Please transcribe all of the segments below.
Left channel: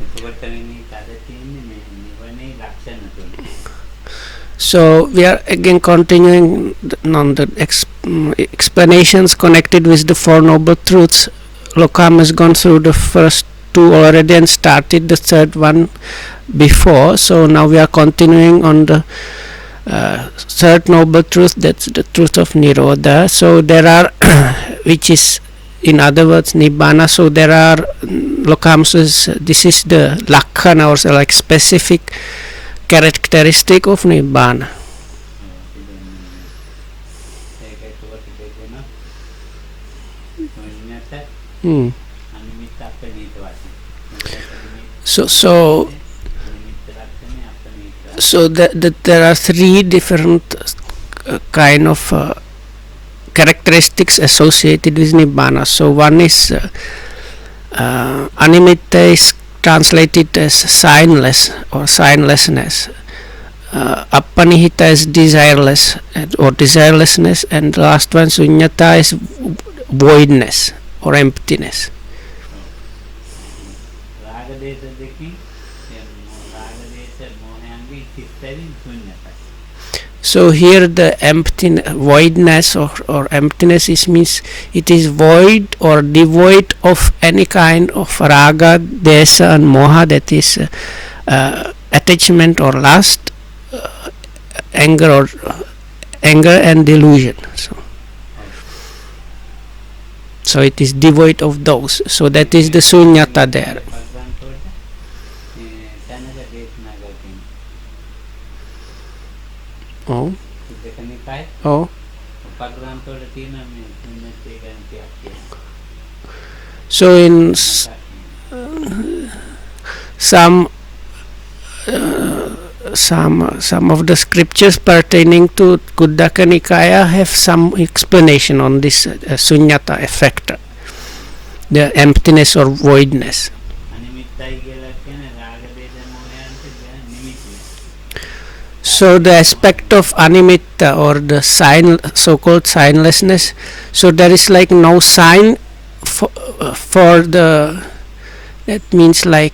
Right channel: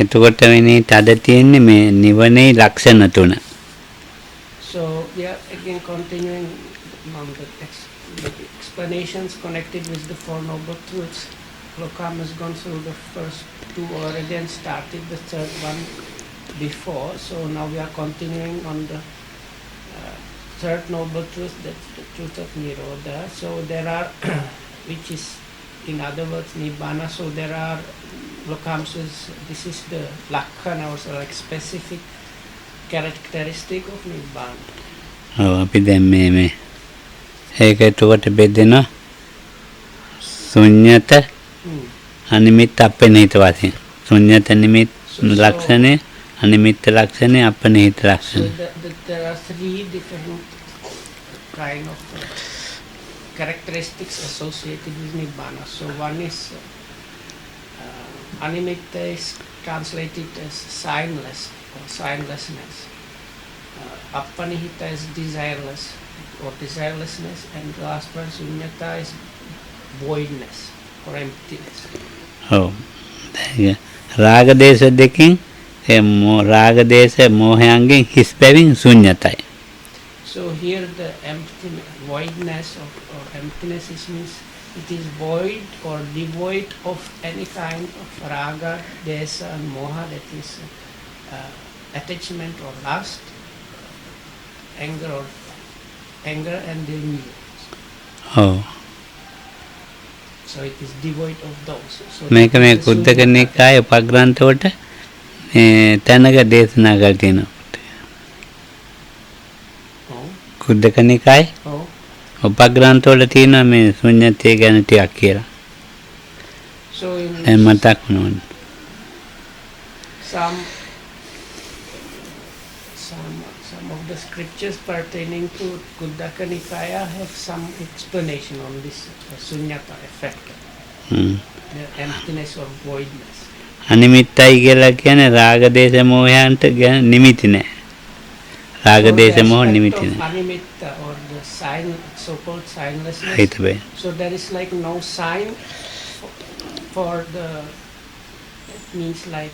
එතකොට වෙන්නේ තද තියෙන්නේ මේ නිවනේ ලක්ෂණ තුන. So we are again continuing on the explanations connected with the Four Noble Truths. Lokam has gone through the first two already and started the third one before. So now we are continuing on the third noble truth, that's the truth of Nirodha. So there are, which is in other words Nibbana. So there are, Lokam says, this is the Lakhana or so like specific characteristic of Nibbana. අපි දැන් මේ ඒක එතකොට බෙදෙනවා ශුන්‍යත අනිමිත්ත අපනිහිත වශයෙන්. ශුන්‍යත නිමිත්ත ලක්ෂණය අනිමිත්ත ලක්ෂණය අපනිහිත ලක්ෂණය. So there are three different kind of characteristics associated with Nibbana. So one is Animitta is translated as signless or signlessness. Appanihita is desireless or desirelessness, and the last one Sunyata is voidness or emptiness. Oh, Raga Desa Deking, Raga Desa Mohangi, his paving Sunyatai. So here the emptiness, voidness or emptiness is means it is void or devoid of any kind of raga, desa and moha, that is attachment or lust, anger and delusion. So it is devoid of those. So that is the sunyata there. Pagrantota Tanaga Desna Gatino. Oh. Kuddaka Nikai? Oh. Pagrantota Tina means Sunyate Ganati Akira. So in some of the scriptures pertaining to Kuddaka Nikaya have some explanation on this sunyata effect, the emptiness or voidness. Animittai කියලා කියන්නේ රාග දේශ මොහයන්ට නිමිති නැහැ. So the aspect of animitta or the sign, so-called signlessness, so there is like no sign for the, that means like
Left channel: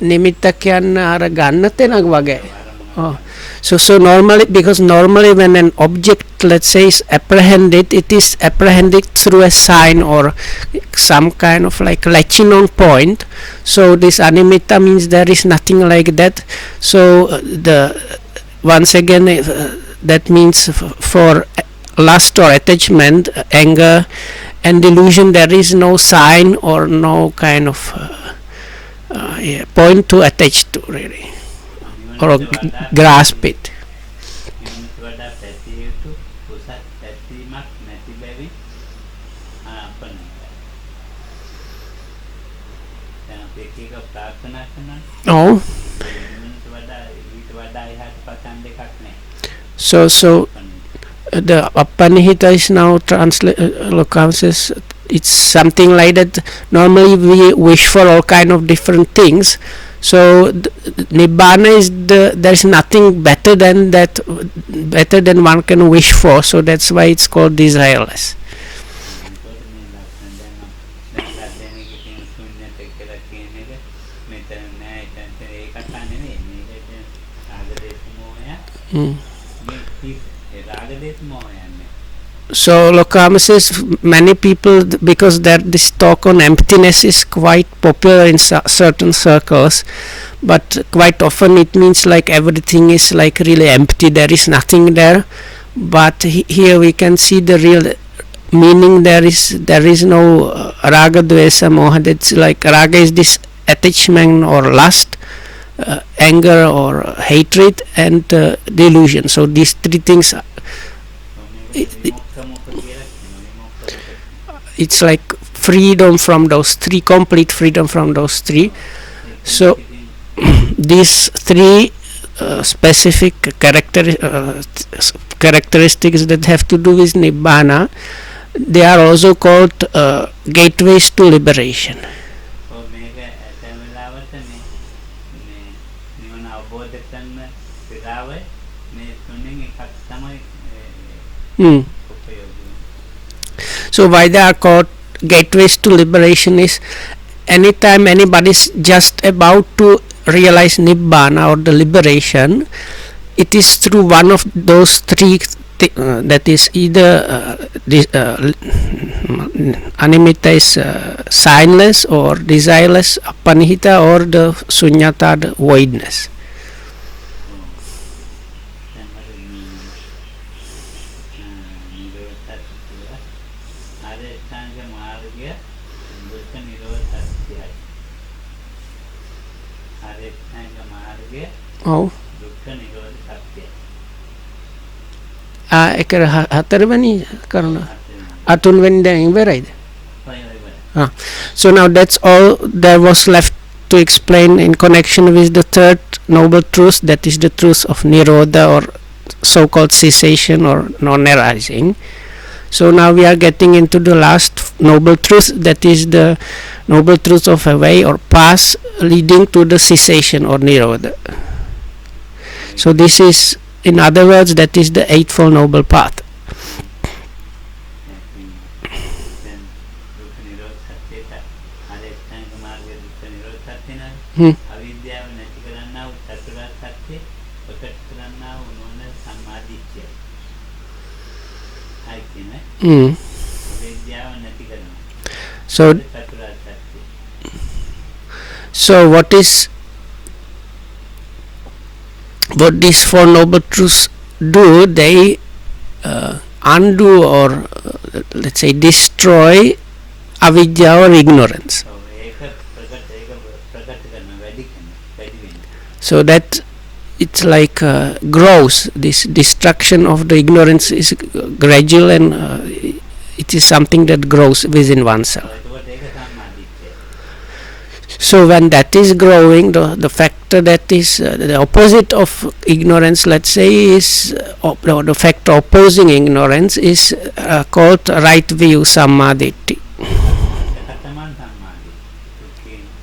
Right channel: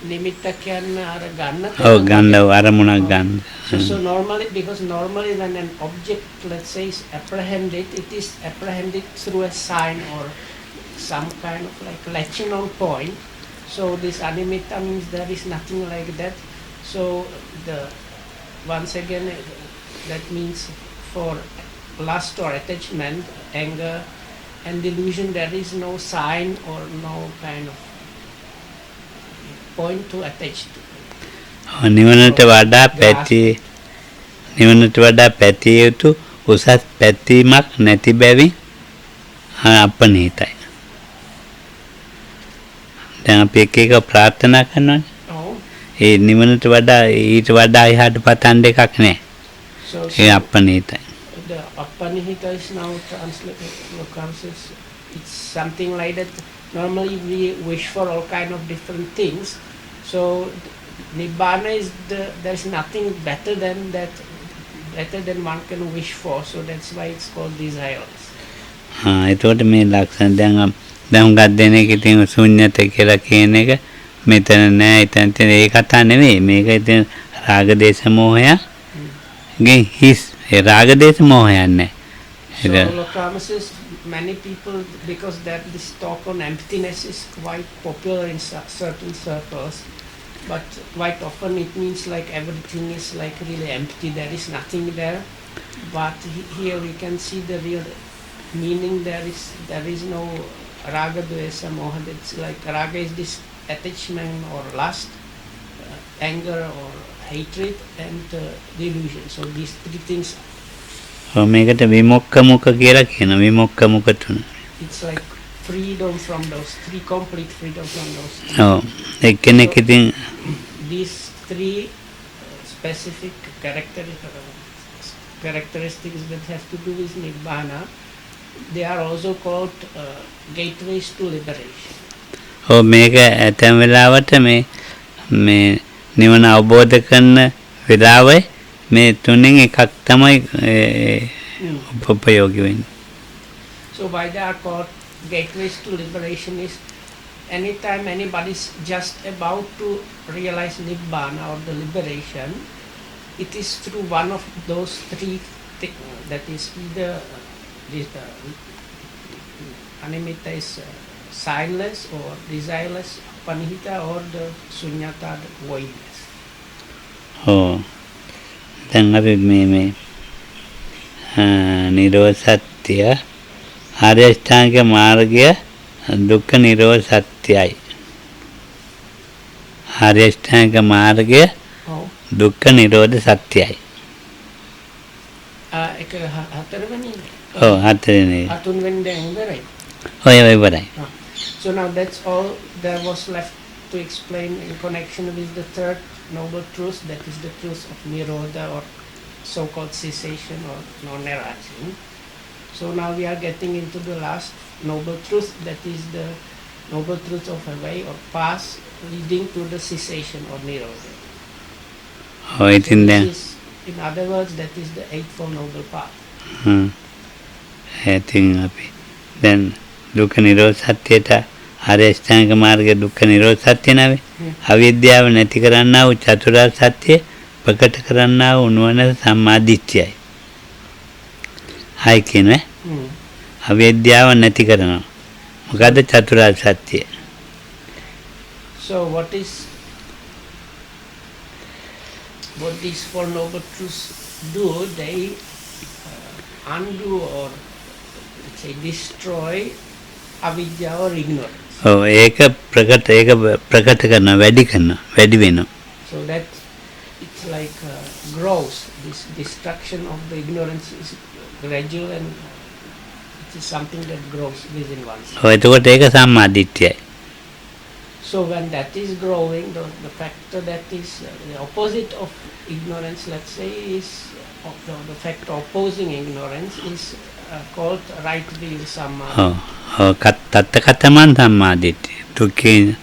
nimitta කියන්න අර ගන්න තැනක් වගේ. So normally, because normally when an object, let's say, is apprehended, it is apprehended through a sign or some kind of like latching on point. So this animitta means there is nothing like that. So once again that means for lust or attachment, anger and delusion, there is no sign or no kind of point to attach to really. නිවනට වඩා පැතිය යුතු උසස් පැතීමක් නැති බැවින් අපනිහිතයි. දැන් අපි එක එක ප්‍රාර්ථනා කරනවානේ. ඔව්. ඒ නිවනට වඩා ඊට වඩා එහාට පතන් දෙකක් නැහැ. So අපනිහිතයි. The Appanihita is now says it's something like that. Normally we wish for all kind of different things. So Nibbana is there is nothing better than that, better than one can wish for. So that's why it's called desireless. ඒතකොට මේ ලක්ෂණ දැන් හුඟක් දෙනෙක් ඉතින් ශුන්‍යත කියලා කියන එක මෙතන නෑ ඉතින් ඒ කතා නෙවෙයි මේක ඉතින් රාග දේශ මොහය ගේ හිස් ඒ රාග දේශ මොහයක් නෑ. So Lokama says many people, because this talk on emptiness is quite popular in certain circles, but quite often it means like everything is like really empty, there is nothing there. But here we can see the real meaning. There is no raga, dvesa, moha. That's like raga is this attachment or lust, anger or hatred, and delusion. So these three things. මේකට විමුක්ඛ මුඛ කියලා කියන විමුක්ඛ මුඛ තුන. It's like freedom from those three, complete freedom from those three. කෙනෙක් ඉතින් these three specific characteristics that have to do with Nibbana, they are also called gateways to liberation. මේක ඇතැම් වෙලාවට මේ නිවන අවබෝධ කරන වෙලාවේ මේ තුنين එකක් තමයි උපයෝගී වෙන්නේ. So why they are called gateways to liberation is anytime anybody is just about to realize Nibbana or the liberation, it is through one of those three that is either Animitta is signless or desireless, Apanihita, or the Sunyata, the voidness. Oh, then අපි මේ නිරෝධ සත්‍ය ආර්ය අෂ්ටාංගික මාර්ගය දුක්ඛ නිරෝධ සත්‍යයි. ආර්ය අෂ්ටාංගික මාර්ගය දුක්ඛ නිරෝධ සත්‍යයි. ඒක හතරවෙනි හතරවෙනි අතුන්වෙනි දැන් ඉවරයිද? ඔය ඉවරයි. So now that's all there was left to explain in connection with the third noble truth, that is the truth of Nirodha, or so-called cessation or non-arising. So now we are getting into the last noble truth, that is the noble truth of a way or path leading to the cessation or Nirodha. So this is, in other words, that is the eightfold noble path. I think then dukkha nirodha satyata ආර්ය අෂ්ටාංගික මාර්ගයේ දුක්ඛ නිරෝධ සත්‍ය නැවේ. අවිද්‍යාව නැති කරන්නා වූ චතුරාර්ය සත්‍ය ප්‍රකට කරන්නා වූ නුවණ සම්මා දිට්ඨියයි. හයි කියන්නේ අවිද්‍යාව නැති කරනවා. මොකද චතුරාර්ය සත්‍ය. So what these four noble truths do? They undo or let's say destroy avidya or ignorance. So ඒක ප්‍රකට කරනවා, වැඩි කරනවා, වැඩි වෙනවා. So that it's like grows. This destruction of the ignorance is gradual, and it is something that grows within oneself. එතකොට ඒක සම්මා දිට්ඨියයි. So when that is growing, the factor that is the opposite of ignorance, let's say, is the factor opposing ignorance is called right view, samma ditti. තත්තකතමන් සම්මා දිට්ඨිය. දුක්ඛේ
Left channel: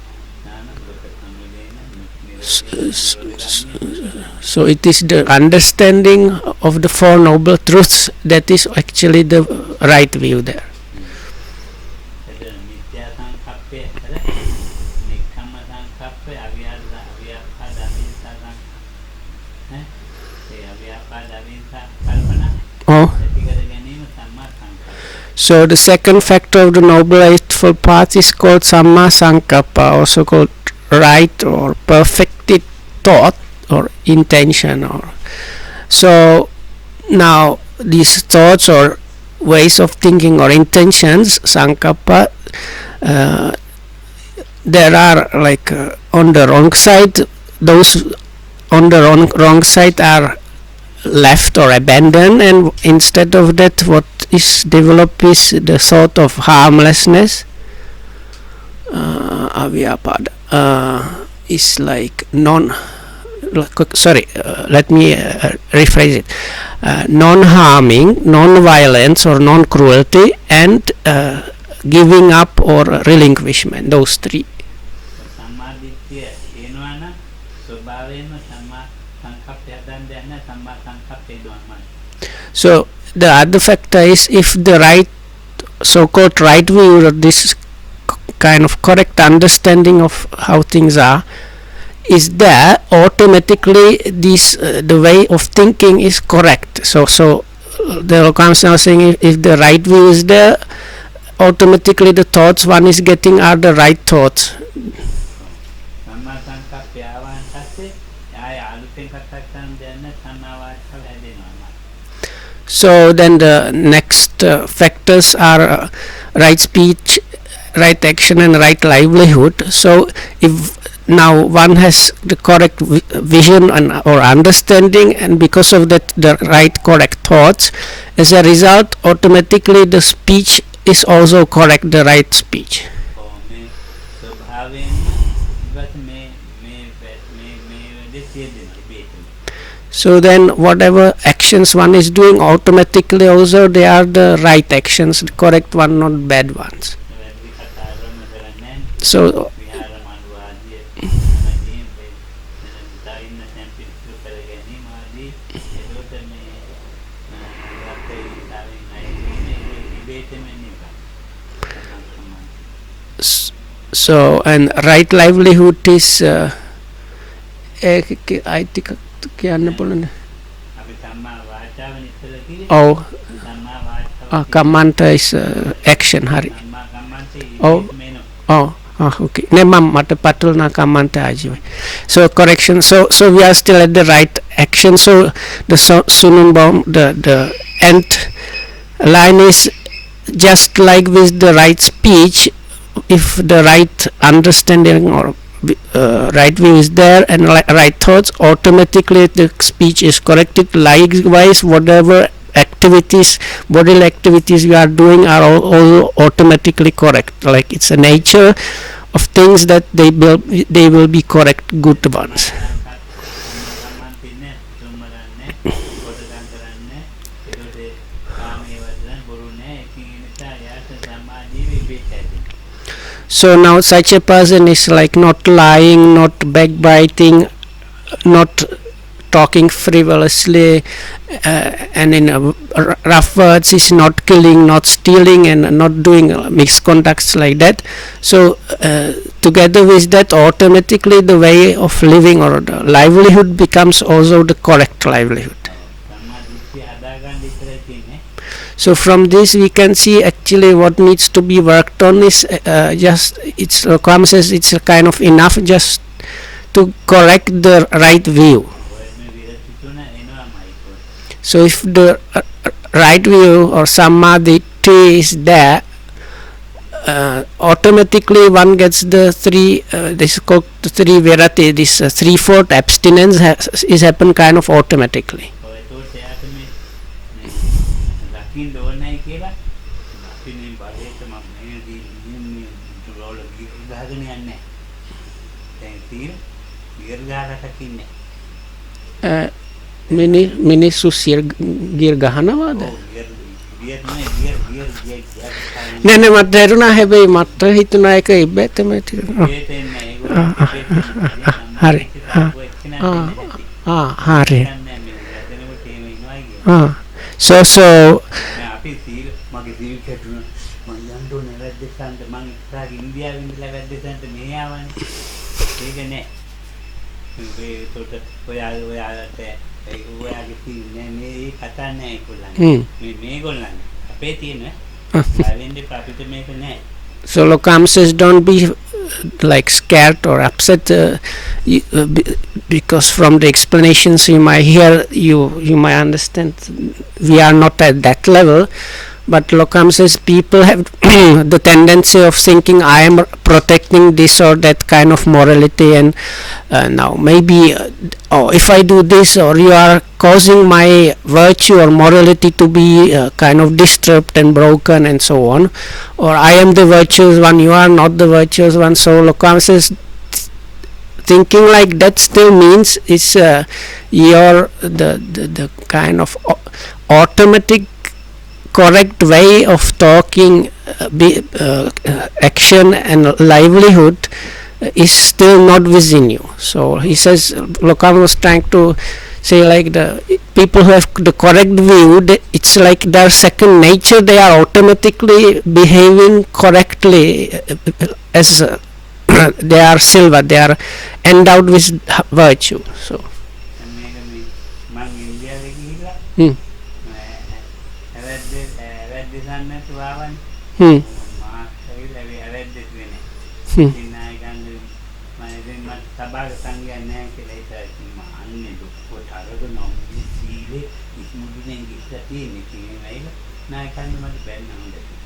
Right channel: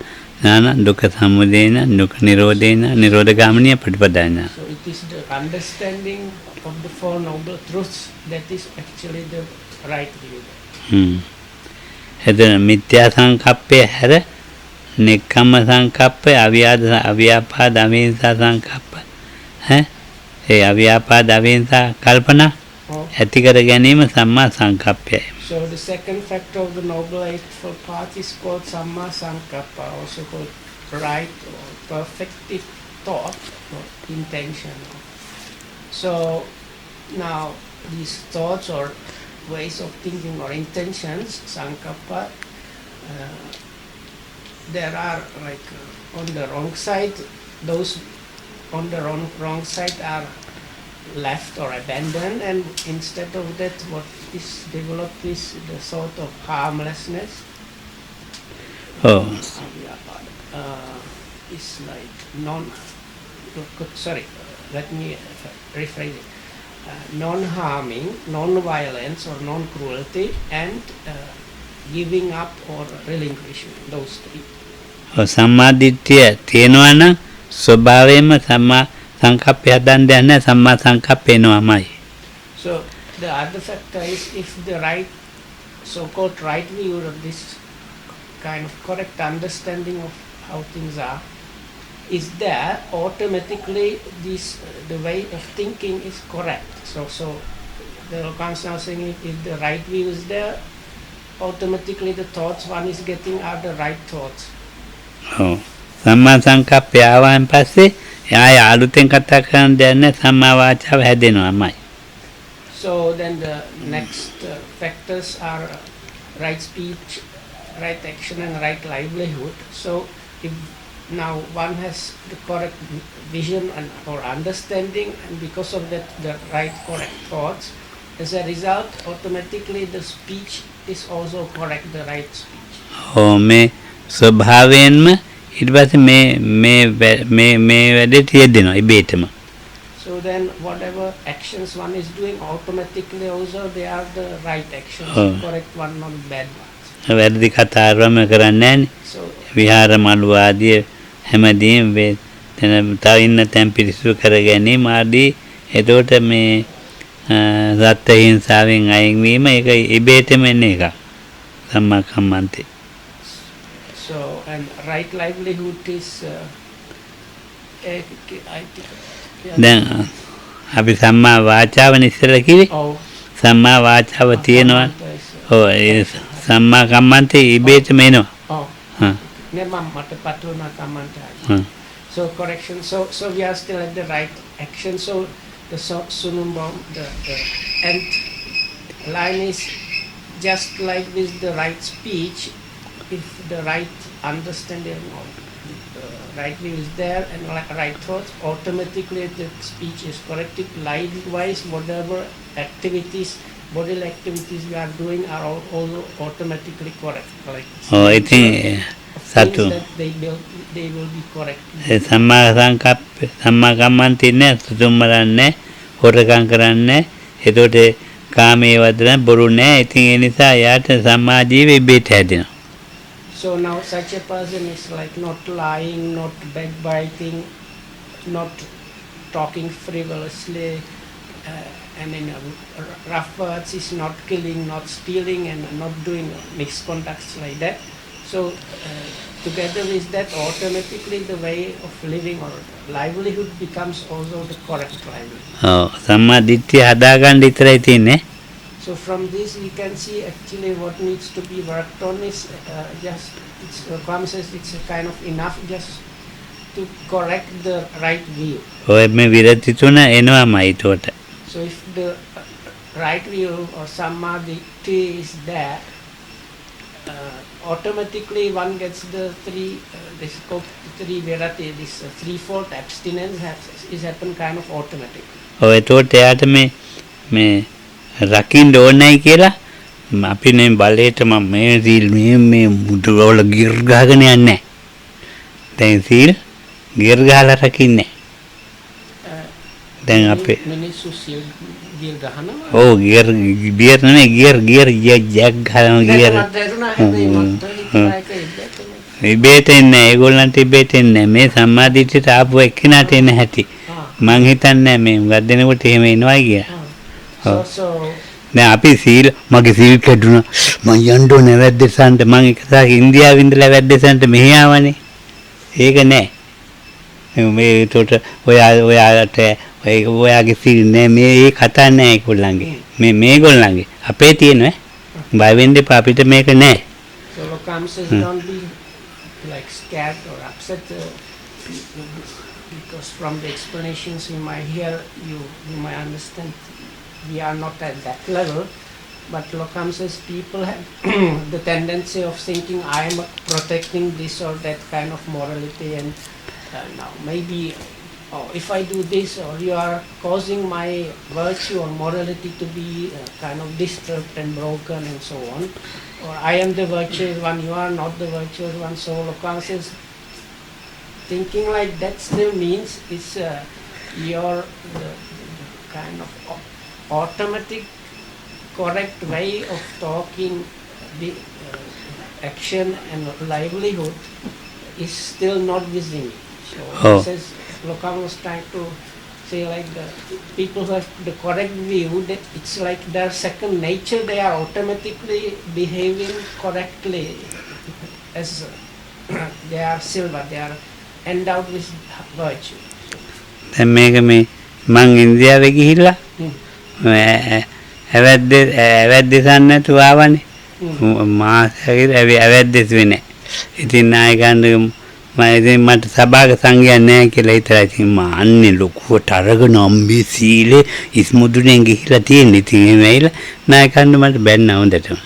ඥාන, දුක්ඛ සමුදයන, දුක්ඛ නිරෝධේන, නිරෝධ ගාමිනිය ප්‍රතිපදායන. So it is the understanding of the four noble truths that is actually the right view there. එතන මිත්‍යා සංකප්පය හැර නික්කම්ම සංකප්පය, අව්‍යාපාද අවිහිංසා සංකප්ප, ඒ අව්‍යාපාද අවිහිංසා කල්පනා ඇති කර ගැනීම සම්මා සංකප්පයයි. So the second factor of the noble eightfold path is called samma sankappa, also called right or perfected thought or intention. So now these thoughts or ways of thinking or intentions, sankappa, there are like on the wrong side, those on the wrong side are left or abandoned, and instead of that what is developed is the thought of harmlessness. Avyapada is like let me rephrase it. Non-harming, non-violence or non-cruelty, and giving up or relinquishment, those three. සම්මා දිට්ඨිය තියෙනවා නම් ස්වභාවයෙන්ම සම්මා සංකප්පය හදන්න යන්නේ සම්මා සංකප්පේනවාමයි. So the other factor is, if the right, so-called right view, or this kind of correct understanding of how things are is there, automatically this the way of thinking is correct. So the comes now saying, if the right view is there, automatically the thoughts one is getting are the right thoughts. සම්මා සංකප්පය ආවන් පස්සේ ආය අලුතෙන් කතා කරන්න දෙන්නේ සම්මා වාචාව හැදෙනවාමයි. So then the next factors are right speech, right action, and right livelihood. So if now one has the correct vision or understanding, and because of that the right correct thoughts, as a result automatically the speech is also correct, the right speech. මේ ස්වභාවයෙන්ම ඊට පස්සේ මේ වැඩේ තියෙනවා ඉබේටම. So then whatever actions one is doing, automatically also they are the right actions, correct one, not bad ones. වැරදි කතාවම කරන්නේ නැහැ. So විහාර මළුව ආදී හැමදේම තව ඉන්න තැන් පිරිසුදු කර ගැනීම ආදී. එතකොට මේ සත්ත්ව හිංසාවෙන් අයින් වීම ඒක ඉබේටම එන එක. සම්මා කම්මන්තේ. So, and right livelihood is I think දැන් අපි සම්මා වාචාවනේ ඉස්සෙල්ලා කිව්වේ. oh සම්මා වාචාව තියෙනවා. Kammanta is ඔව්, action. Hari. සම්මා කම්මන්තේ ඉබේටම එනවා. Oh, okay. Ne mata patulna Kammanta aji. So correction. So we are still at the right action. So the Sununbaum, the end line is just like with the right speech. If the right understanding or right view is there and right thoughts, automatically the speech is corrected. Likewise, whatever activities, bodily activities you are doing are all automatically correct. Like it's a nature of things that they will be correct. Good about. සම්මා කම්මන්තේ නෑ, සුදුම් මරන්නේ, හොරකම් කරන්නේ, එතකොට කාමයේ වදන බොරු නෑ. ඉතින් ඒ නිසා යාට සම්මා ජීවය ඉබේට හැදෙනවා. So now such a person is like not lying, not backbiting, not talking frivolously, and in rough words is not killing, not stealing, and not doing misconducts like that. So together with that, automatically the way of living or the livelihood becomes also the correct livelihood. සම්මා දිට්ඨිය හදාගන්න විතරයි තියෙන්නේ. So from this we can see actually what needs to be worked on is just it's says it's a kind of enough just to correct the right view. ඔය මේ විරති තුන එනවාමයි ඒකට. So if the right view or samadhi is there, automatically one gets the three this is called the three virati, this threefold abstinence is happen kind of automatically. ඔය ඒකට එයාට මේ රකින්න ඕනයි කියලා අපි නේ බලයට මම මේ සීල් මේ මුදවල ගිර් ගහගෙන යන්නේ. දැන් සීල් ගිර් ගහලා රකින්නේ. දැන් අපි මිනිස්සු සීල් ගිර් ගහනවා. ඔව් ගිර් නෙමෙයි ගිර් ජැක් ගහනවා. නෑ මට හිතුණා හැබැයි මට හිතුණා ඒක ඉබේටම ඉබේට එන්නේ ඒගොල්ලන්ට ඉබේට එන්නේ මේ සම්මාදිට්ඨියට ආපු එක්කිනාට එන්නේ නැති. මම හිතන්නේ මේ ගත් දෙනකොට එහෙම එනවා කියලා. So දැන් අපි සීල් මගේ සීල් කැඩුණා මං යන්න ඕනේ වැද්දසන්ට මං එකසාරක් ඉන්දියාවෙ ඉඳලා වැද්දසන්ට මෙහි ආවනේ ඒක නෑ මේ ඒකට ඔයාලට ඔයාගේ සීල් නෑ මේ ඒ කතා නෑ ඒගොල්ලන්ගේ මේගොල්ලන්ගේ අපේ තියෙනවා බය වෙන්න එපා අපිට මේක නෑ. So Lokam says don't be like scared or upset because from the explanations you might hear you might understand we are not at that level, but Lokam says people have the tendency of thinking I am protecting this or that kind of morality, and now maybe if I do this or you are causing my virtue or morality to be kind of disturbed and broken and so on, or I am the virtuous one, you are not the virtuous one. So Lokam says thinking like that still means it's your the kind of automatic correct way of talking, action and livelihood is still not within you. So he says, Lokam was trying to say like the people who have the correct view, it's like their second nature, they are automatically behaving correctly as they are silver, they are endowed with virtue. So දැන් මේක මේ මං ඉන්දියාවේ ගිහිල්ලා ඇවැද්දසන් නැතුව ආවනේ මාසෙකට ඇවැද්දස් වෙන්නේ. ඉතින් නායකයන්ට මම ඉතින් මට සභාවක සංගය නැහැ කියලා හිතලා ඉතින් මම අන්නේ ලොකුවට අරගෙන අම්බි සීලේ ඉස්මුදුනේ ගිහිල්ලා තියෙන. ඉතින් එහෙම ඇවිල්ලා නායකයන්ට මට බැන්නා හොඳටම.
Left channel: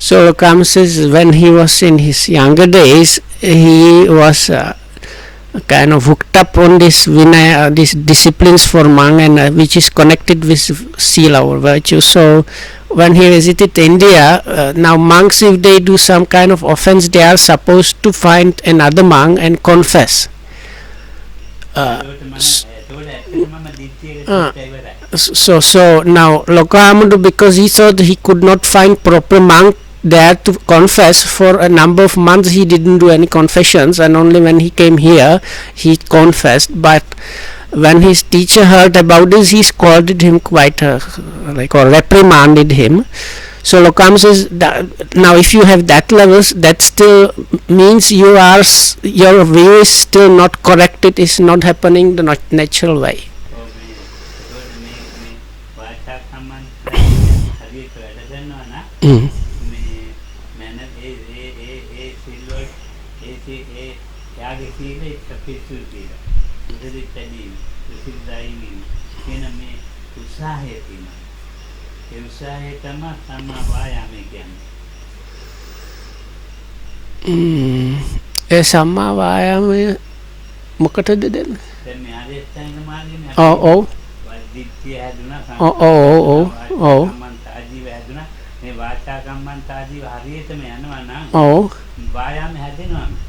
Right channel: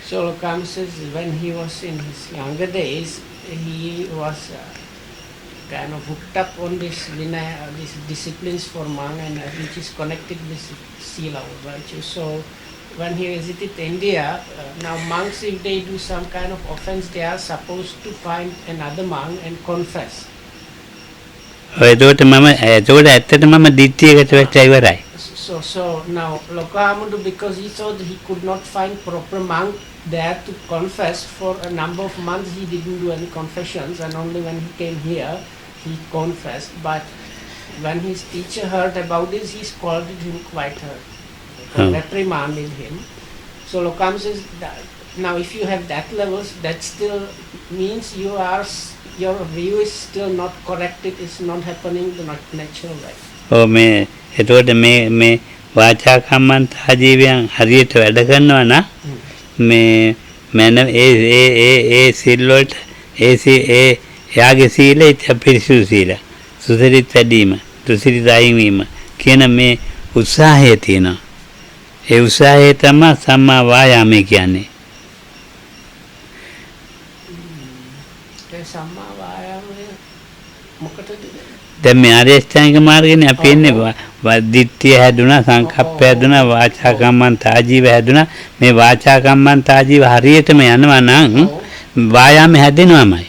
So Lokam says when he was in his younger days, he was kind of hooked up on this Vinaya, these disciplines for monk, and which is connected with sila or virtue. So when he visited India, now monks, if they do some kind of offense, they are supposed to find another monk and confess. So now Lokahamudu, because he thought he could not find proper monk there to confess for a number of months, he didn't do any confessions, and only when he came here he confessed. But when his teacher heard about this, he scolded him quite or reprimanded him. So Lokam says that now if you have that levels, that still means you are your view is still not correct. It is not happening the natural way. Oh me එතකොට මේ වාචා කම්මන්ත ආජීවයන් හරියට වැඩ කරනවා නම් මේ මන ඒ සීල වලට ඒ යාගේ සීලය පිරිසුදු සීල සුසිරිත වැඩිම තුසිරිත අයින් වීම කියන මේ උත්සාහය තියෙනවා. ඒ උත්සාහය තමයි සම්මා වායාමය කියන්නේ. ඒ සම්මා වායාමය මොකටද දෙන්නේ? දැන් මේ ආර්ය අෂ්ටාංගික මාර්ගනේ අපි ඉන්නේ දිට්ඨිය හැදුනා සංකප්ප හැදුනා වාචා කම්මන්ත ආජීව හැදුනා මේ වාචා කම්මන්ත ආජීව හරියටම යනවා නම් වායාමය හැදෙනවමයි.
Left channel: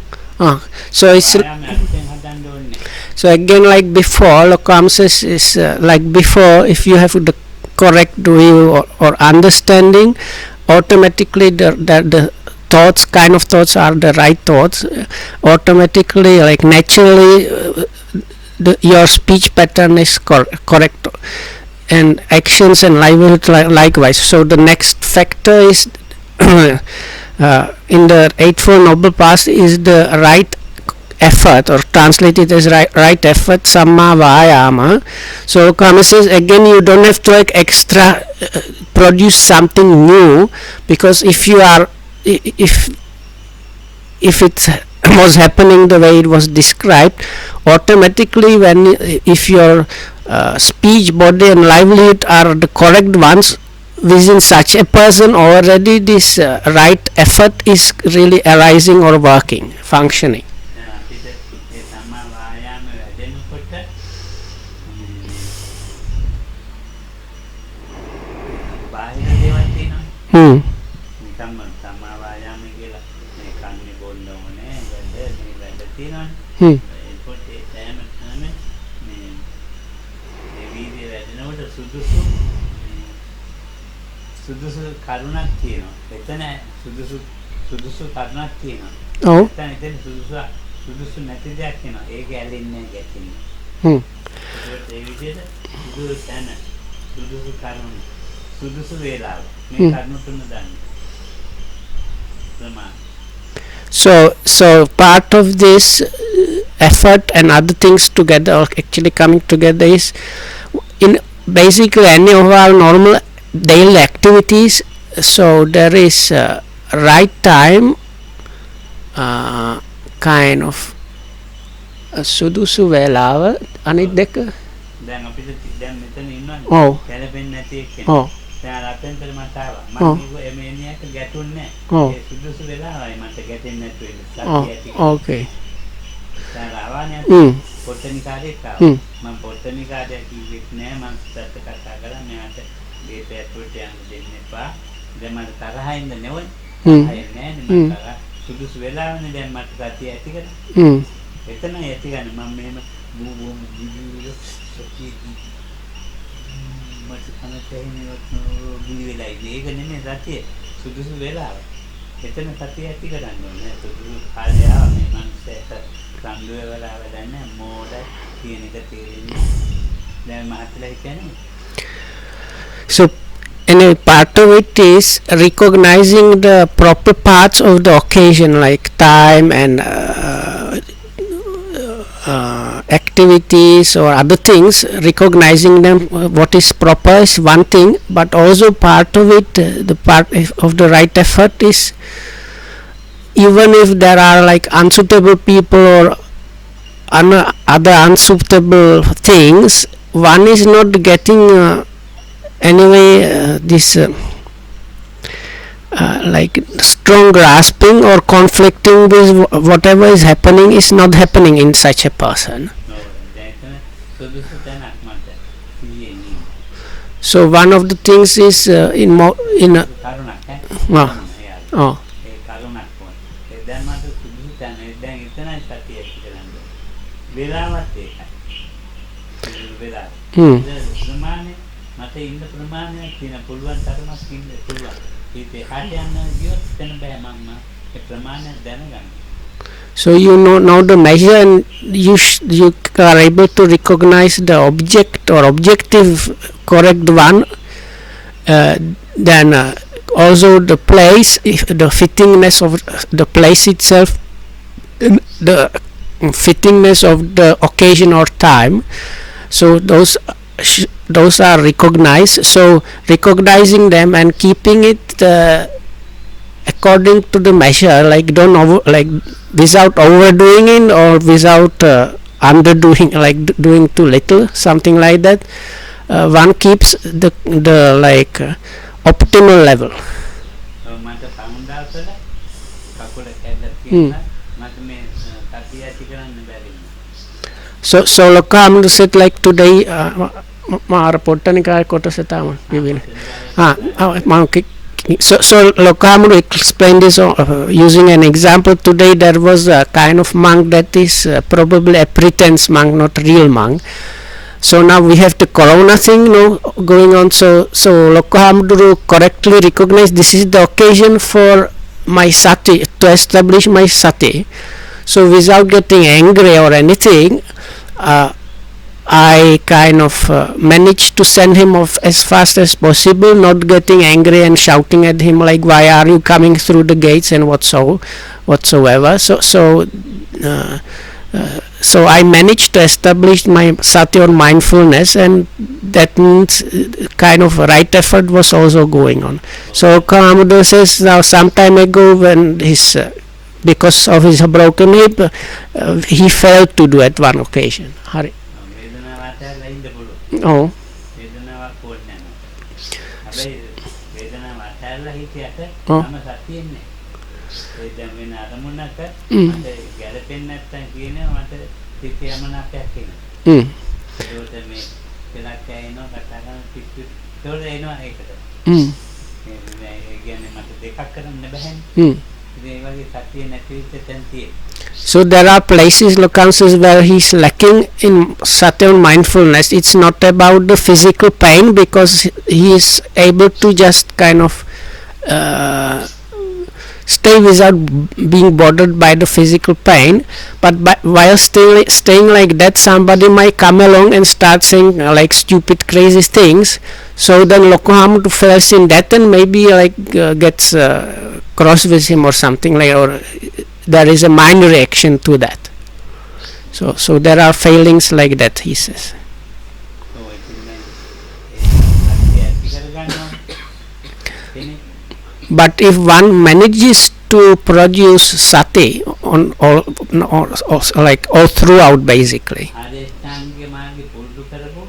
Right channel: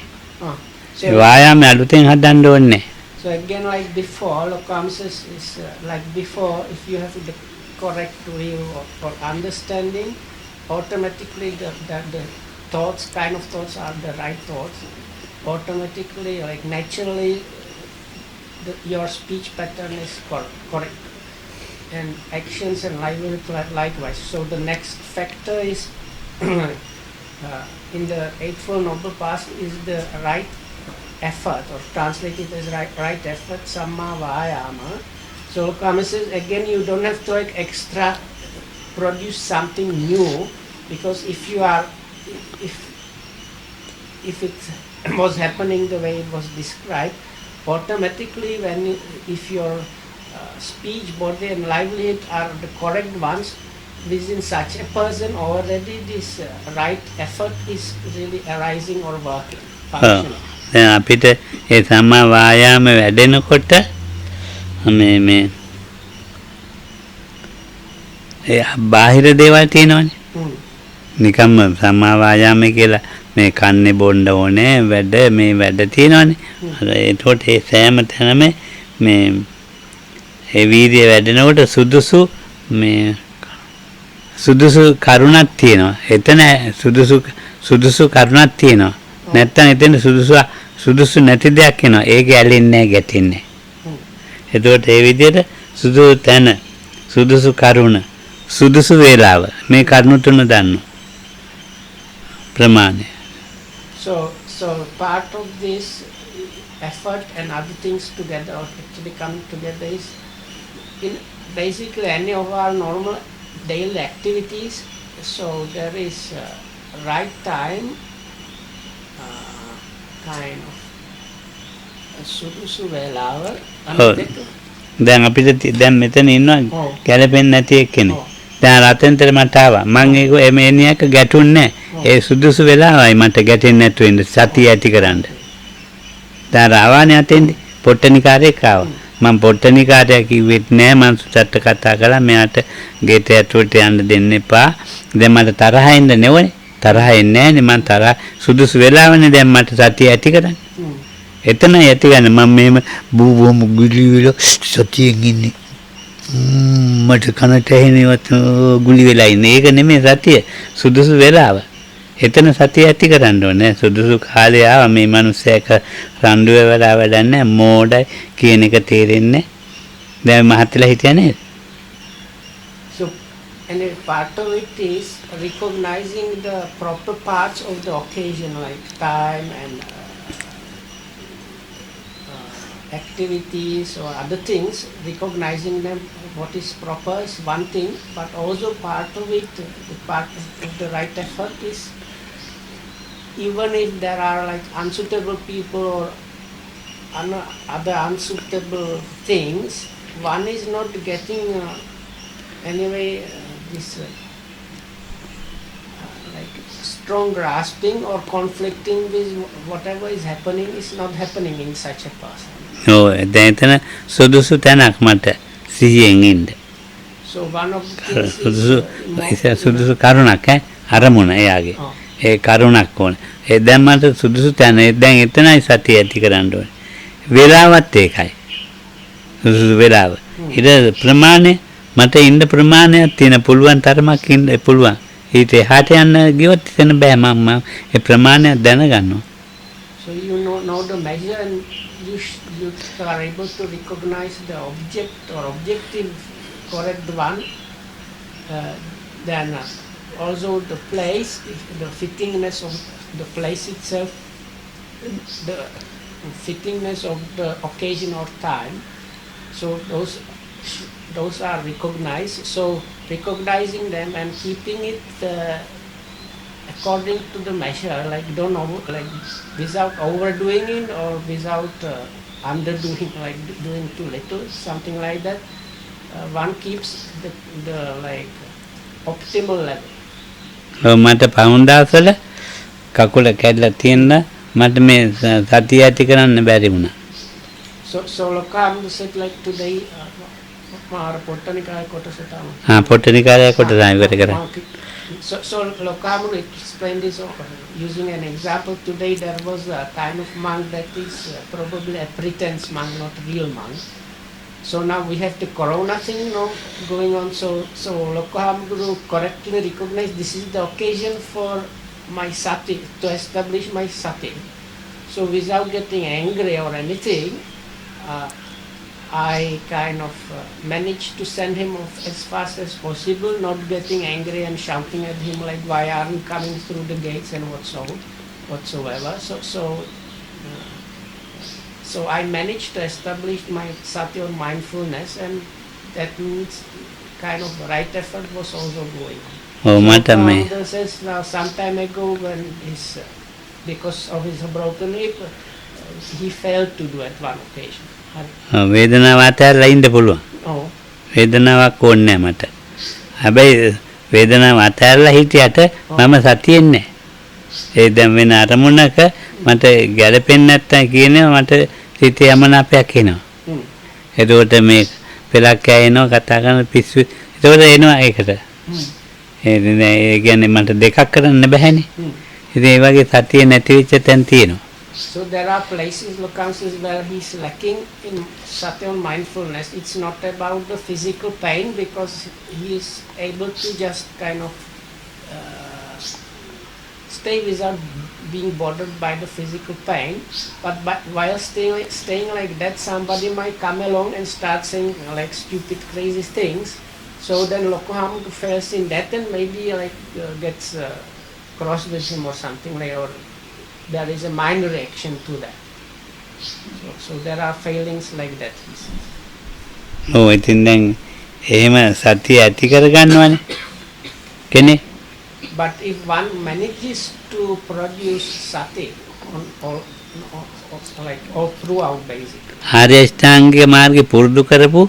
So වායාමය අලුතෙන් හදන්න ඕනේ. So again, like before, Lokam says is like before, if you have the correct view or understanding, automatically the thoughts, kind of thoughts are the right thoughts. Automatically, like naturally, your speech pattern is correct, and actions and livelihood likewise. So the next factor is in the Eightfold Noble Path is the right effort, or translated as right effort, samma vayama. So Kama says again, you don't have to like extra produce something new, because if you are if it was happening the way it was described, automatically when if your speech, body and livelihood are the correct ones within such a person, already this right effort is really arising or working, functioning. දැන් අපිට ඒ සම්මා වායාම වැඩෙනකොට මේ බාහිර දේවල් තියෙනවනේ. නිකම්ම සම්මා වායාම කියලා මේ කන්නේ බොන්න ඕනේ වැඩ මේ වැඩ තියෙනවනේ. ඒකට ඒ සෑම තැනම මේ ඒ වීර්යය වැඩෙනකොට සුදුසු කරුණක් තියෙනවා. එතන සුදුසු කරුණක් තියෙනවා. නැත්තම් එතන සුදුසු නැති දෙයක් එනවා. ඒක ඇලෙන්නේ නැහැ, ගැටෙන්නේ. එතකොට ඒ විදිහට සුදුසු තැන, සුදුසු කරුණ, සුදුසු වේලාව මේ කරුණු තුන දන්නවා. ප්‍රමාණය. So part of this effort and other things together, or actually coming together, is in basically any of our normal daily activities. So there is right time, kind of සුදුසු වේලාව අනිත් දෙක. දැන් අපිට දැන් මෙතන ඉන්නවා කැළපෙන්නේ නැති එක්කෙනෙක්. දැන් රතෙන්තර මට ආවා. මම ඒක එමෙනියක ගැටුන්නේ නැහැ. ඒ සුදුසු වෙලාවයි මට ගැටෙන්නේ නැතුව ඉන්න සතිය ඇති කරන්න. දැන් ආවානේ අතින් පොට්ටනිකාරයෙක් ආවා. මම පොට්ටනිකාරයා කිව්වෙත් නෑ, මම සුටට කතා කළා මෙයාට ගේට ඇතුළට යන්න දෙන්න එපා. දැන් මට තරහ එන්න නෙවෙයි. තරහ එන්නේ නෑනේ, මම තරහ සුදුසු වෙලාවනේ දැන් මට සතිය ඇති කරන්නේ. එතන ඇති ගන්න මම මෙහෙම බූබෝම ගුලි වෙලා සතියෙන් ඉන්නේ. මට කනට ඇහෙනවත් ගුලි වෙලා ඉන්නේ. ඒක නෙමෙයි සතිය. සුදුසු වෙලාව. එතන සතිය ඇති කරන්න ඕනේ. සුදුසු කාලේ ආව මේ මිනිස්සෙක් රණ්ඩු වෙලා වැඩන්නේ මෝඩයි කියන එක තේරෙන්නේ. දැන් මහත්ලා හිටියා නේද? So and a part of it is recognizing the proper parts of the occasion, like time and activities or other things. Recognizing them, what is proper is one thing, but also part of it, the part of the right effort is, even if there are like unsuitable people or other unsuitable things, one is not getting anyway this like strong grasping or conflicting with whatever is happening is not happening in such a person. දැන් සුදුසු තැනක් මට සිහියෙන් ඉන්න. So one of the things is in සුදුසු කරුණක් අරමුණ එයාගේ. ඒ කරුණක් ඕනේ. ඒ දැන් මට සුදුසු තැන දැන් එතනයි සතිය ඇති කරන්න ඕනේ. වේලාවත් ඒකයි. සුදුසු වේලාව. ඊට ප්‍රමාණය මට ඉන්න ප්‍රමාණයක් තියෙන පුළුවන් තරමක් ඉන්න පුළුවන්. ඊට එහාට යන්න ගියොත් එතන බෑ මම ඒ ප්‍රමාණය දැනගන්නවා. So you know the measure, and you are able to recognize the object or objective correct one, then also the place, the fittingness of the place itself, the fittingness of the occasion or time. So those are recognized. So recognizing them and keeping it according to the measure, like without overdoing it or without underdoing, like doing too little, something like that. One keeps the optimal level. මට පවුන්දාසල කකුල කැඩලා තියෙන මට මේ සතිය ඇති කරන්න බැරි වුණා. So Lokahamdu said like today මාර පොට්ටනිකාය කොටස තමයි. පොට්ටනිකාය කොටස. So Lokahamdu explained this using an example. Today there was a kind of monk that is probably a pretense monk, not real monk. So now we have the corona thing going on. So Lokahamdu correctly recognized this is the occasion for my sati, to establish my sati. So without getting angry or anything, I kind of managed to send him off as fast as possible, not getting angry and shouting at him like, why are you coming through the gates and whatsoever. So I managed to establish my sati or mindfulness, and that means kind of right effort was also going on. So Lokahamdu says now some time ago when because of his broken hip, he failed to do at one occasion. Hari. වේදනාව අතහැරලා ඉන්න පුළුවන්. ඔව්. වේදනාවක් ඕනේ නැහැ මට. හැබැයි වේදනාව අතහැරලා හිටියට මම සතියෙන් නැහැ. ඒ දැන් වෙන අරමුණක මට ගැළපෙන්නේ නැත්තම් කියනවා මට හිතේ යමනාපයක් එනවා. එතකොට මේ පෙලක් කෑනවා කතා කරන පිස්සු. එතකොට එනවා ඒකට. ඒ කියන්නේ මට දෙකක් කරන්න බැහැනේ. ඉතින් ඒ වගේ සතිය නැති වෙච්ච තැන් තියෙනවා. So there are places, Lokahamdu, where he's lacking in sati and mindfulness. It's not about the physical pain because he is able to just kind of stay without being bothered by the physical pain. But while staying like that, somebody might come along and start saying like stupid, crazy things. So then Lokahamdu fails in that and maybe like gets cross with him or something like, or there is a mind reaction to that. So there are failings like that, he says. Oh, ඉතින් දැන් එහෙම සතිය ඇති කරගන්නවනේ. කෙනේ. But if one manages to produce sati on all throughout basically. ආර්ය අෂ්ටාංගික මාර්ගේ පුරුදු කරපු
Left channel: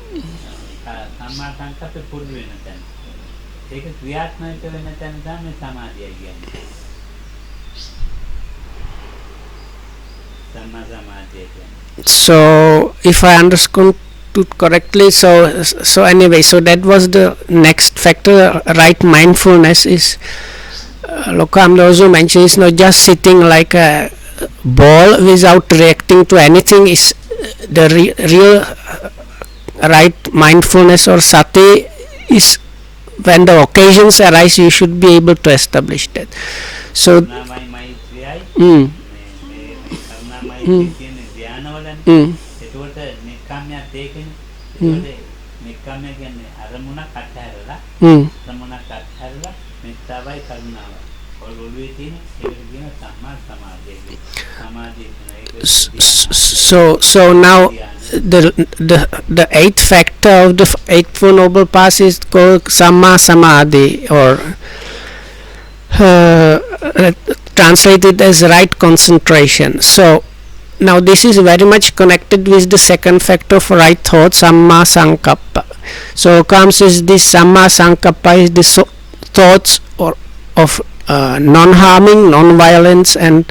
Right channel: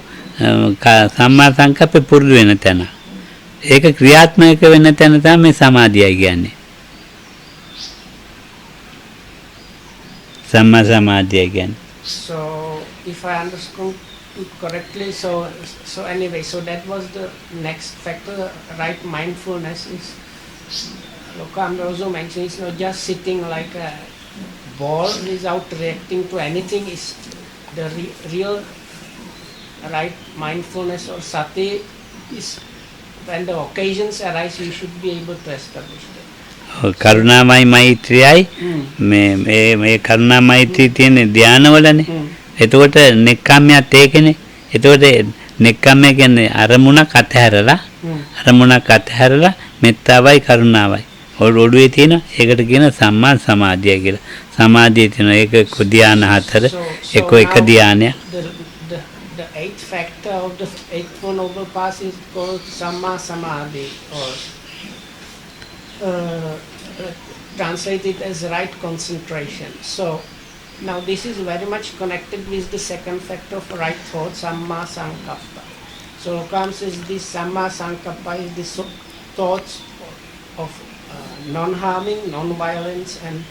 සම්මා සංකප්පේ පුරුදු වෙන තැන. ඒක ක්‍රියාත්මක වෙන තැන තමයි මේ සමාධියයි කියන්නේ. සම්මා සමාධිය කියන්නේ. So if I understood correctly, so anyway, so that was the next factor. Right mindfulness is Lokahamdu also mentioned, it's not just sitting like a ball without reacting to anything. Is the real right mindfulness or sati is when the occasions arise, you should be able to establish that. කරුණාමයි මෛත්‍රියයි මේ කරුණා මෛත්‍රී තියෙන ධානවලනේ. එතකොට නෙක්ඛම්මයත් ඒකනේ. එතකොට නෙක්ඛම්මය කියන්නේ අරමුණක් අතහැරලා මෙත්තාවයි කරුණාවයි ඔළුවේ තියෙන ඒකට කියන සම්මා සමාධිය කියලා. සමාධිය තියෙන ඒක ධාන හතර. So now the eighth factor of the eightfold noble path is called Samma Samadhi, or translated as right concentration. So now this is very much connected with the second factor of right thought, Samma Sankappa. So comes is this Samma Sankappa is the thoughts of non-harming, non-violence and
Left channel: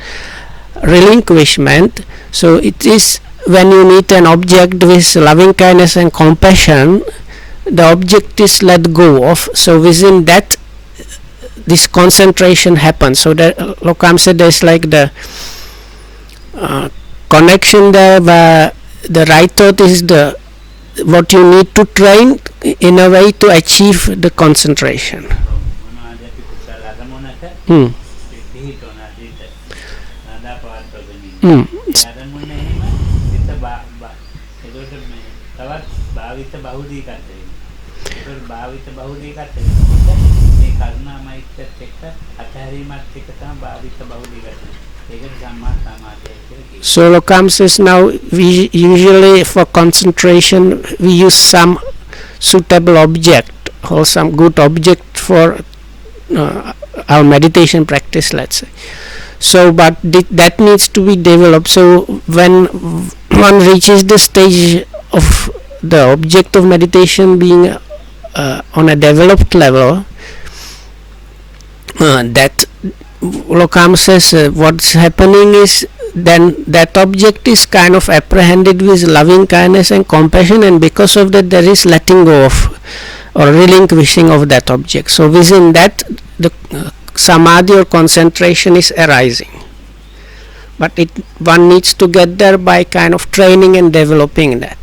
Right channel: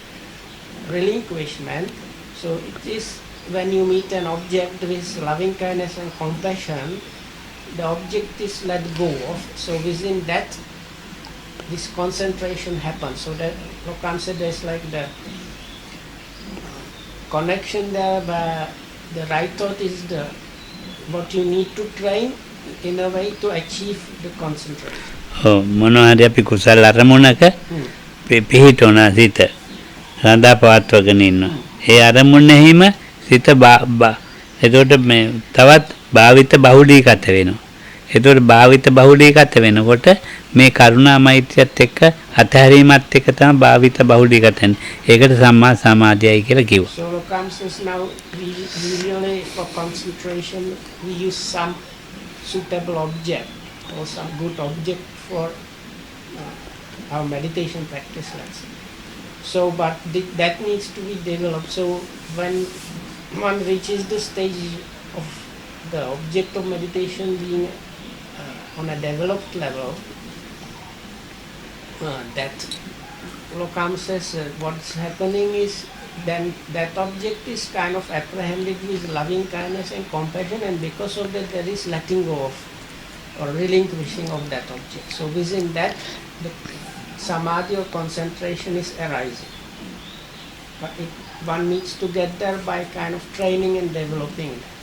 relinquishment. So it is when you meet an object with loving kindness and compassion, the object is let go of. So within that this concentration happens. So that Lokahamdu said there's like the connection there where the right thought is what you need to train in a way to achieve the concentration. මොනවාද අපි කුසල අරමුණක පිහිටවන සිත සඳහා පවත්වගෙන ඉන්නවා. ඒ අරමුණෙහිම සිත එතකොට මේ තවත් භාවිත බහුලීගත වෙනවා. එතකොට භාවිත බහුලීගත වෙනකොට මේ කරුණා මෛත්‍රියත් එක්ක අතහැරීමත් එක්ක තමයි භාවිත බහුලීගත වෙන්නේ. ඒකට සම්මා සමාධියයි කියලා කිව්වා. So Lokam says now we usually for concentration we use some suitable object or some good object for our meditation practice, let's say. So but that needs to be developed. So when one reaches the stage of the object of meditation being on a developed level, that Lokam says what's happening is then that object is kind of apprehended with loving kindness and compassion, and because of that there is letting go of or relinquishing of that object. So within that the samadhi or concentration is arising, but one needs to get there by kind of training and developing that.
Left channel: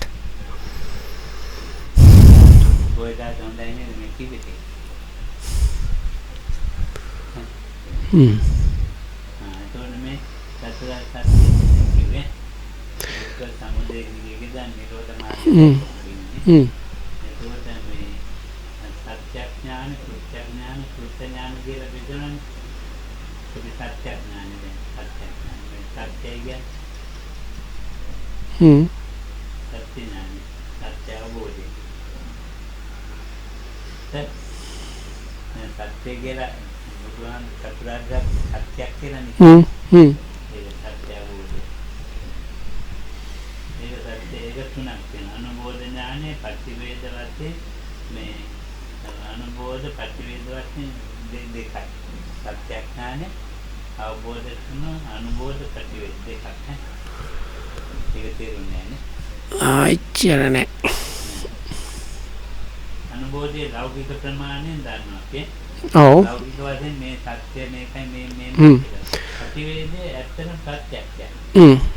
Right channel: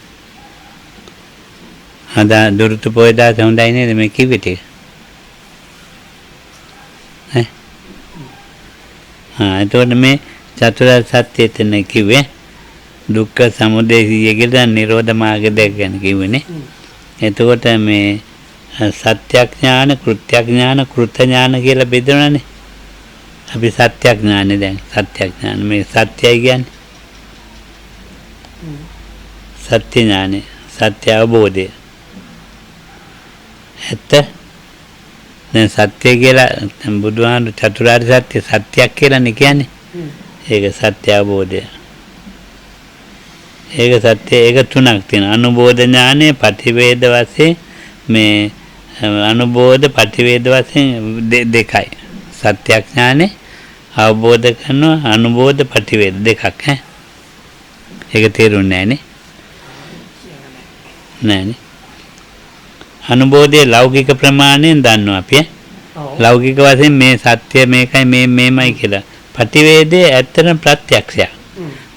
අද දුරුතු පොයදා හොඳයි නේද මේ කිව්වේ ටික? එතකොට මේ චතුරාර්ය සත්‍ය එතන කිව්වේ දුක්ඛ සමුදය සියයකට නිරෝධ මාර්ගය දැක්කන කිව්වනේ. එතකොට මේ සත්‍යඥාන, කෘත්‍යඥාන, කෘතඥාන කියලා බෙදනවානේ. අපි සත්‍යඥානෙ දැන් සත්‍යඥාන මේ සත්‍යයි කියන්නේ. සත්‍ය ඥානෙ, සත්‍ය අවබෝධය. ඇත්ත දැන් සත්‍ය කියලා බුදුහාමුදුරු චතුරාර්ය සත්‍ය සත්‍යයක් කියලානේ කියන්නේ. ඒක සත්‍ය අවබෝධය. ඒක සත්‍ය ඒක තුනක් තියෙනවා. අනුබෝධ ඥානෙ, පටිවේද වශයෙන් මේ අනුබෝධ පටිවේද වශයෙන් දෙකයි. සත්‍යඥානෙ අවබෝධ කරනවා, අනුබෝධ පටිවේද දෙකක් ඈ. ඒක තේරුන්නේ නැහනේ. එච්චර නෑනේ. අනුබෝධයේ ලෞකික ප්‍රමාණයෙන් දන්නවා අපි ඈ. ඔව්. ලෞකික වශයෙන් මේ සත්‍ය මේකයි මේමයි කියලා. පටිවේදයේ ඇත්තටම ප්‍රත්‍යක්ෂයක්.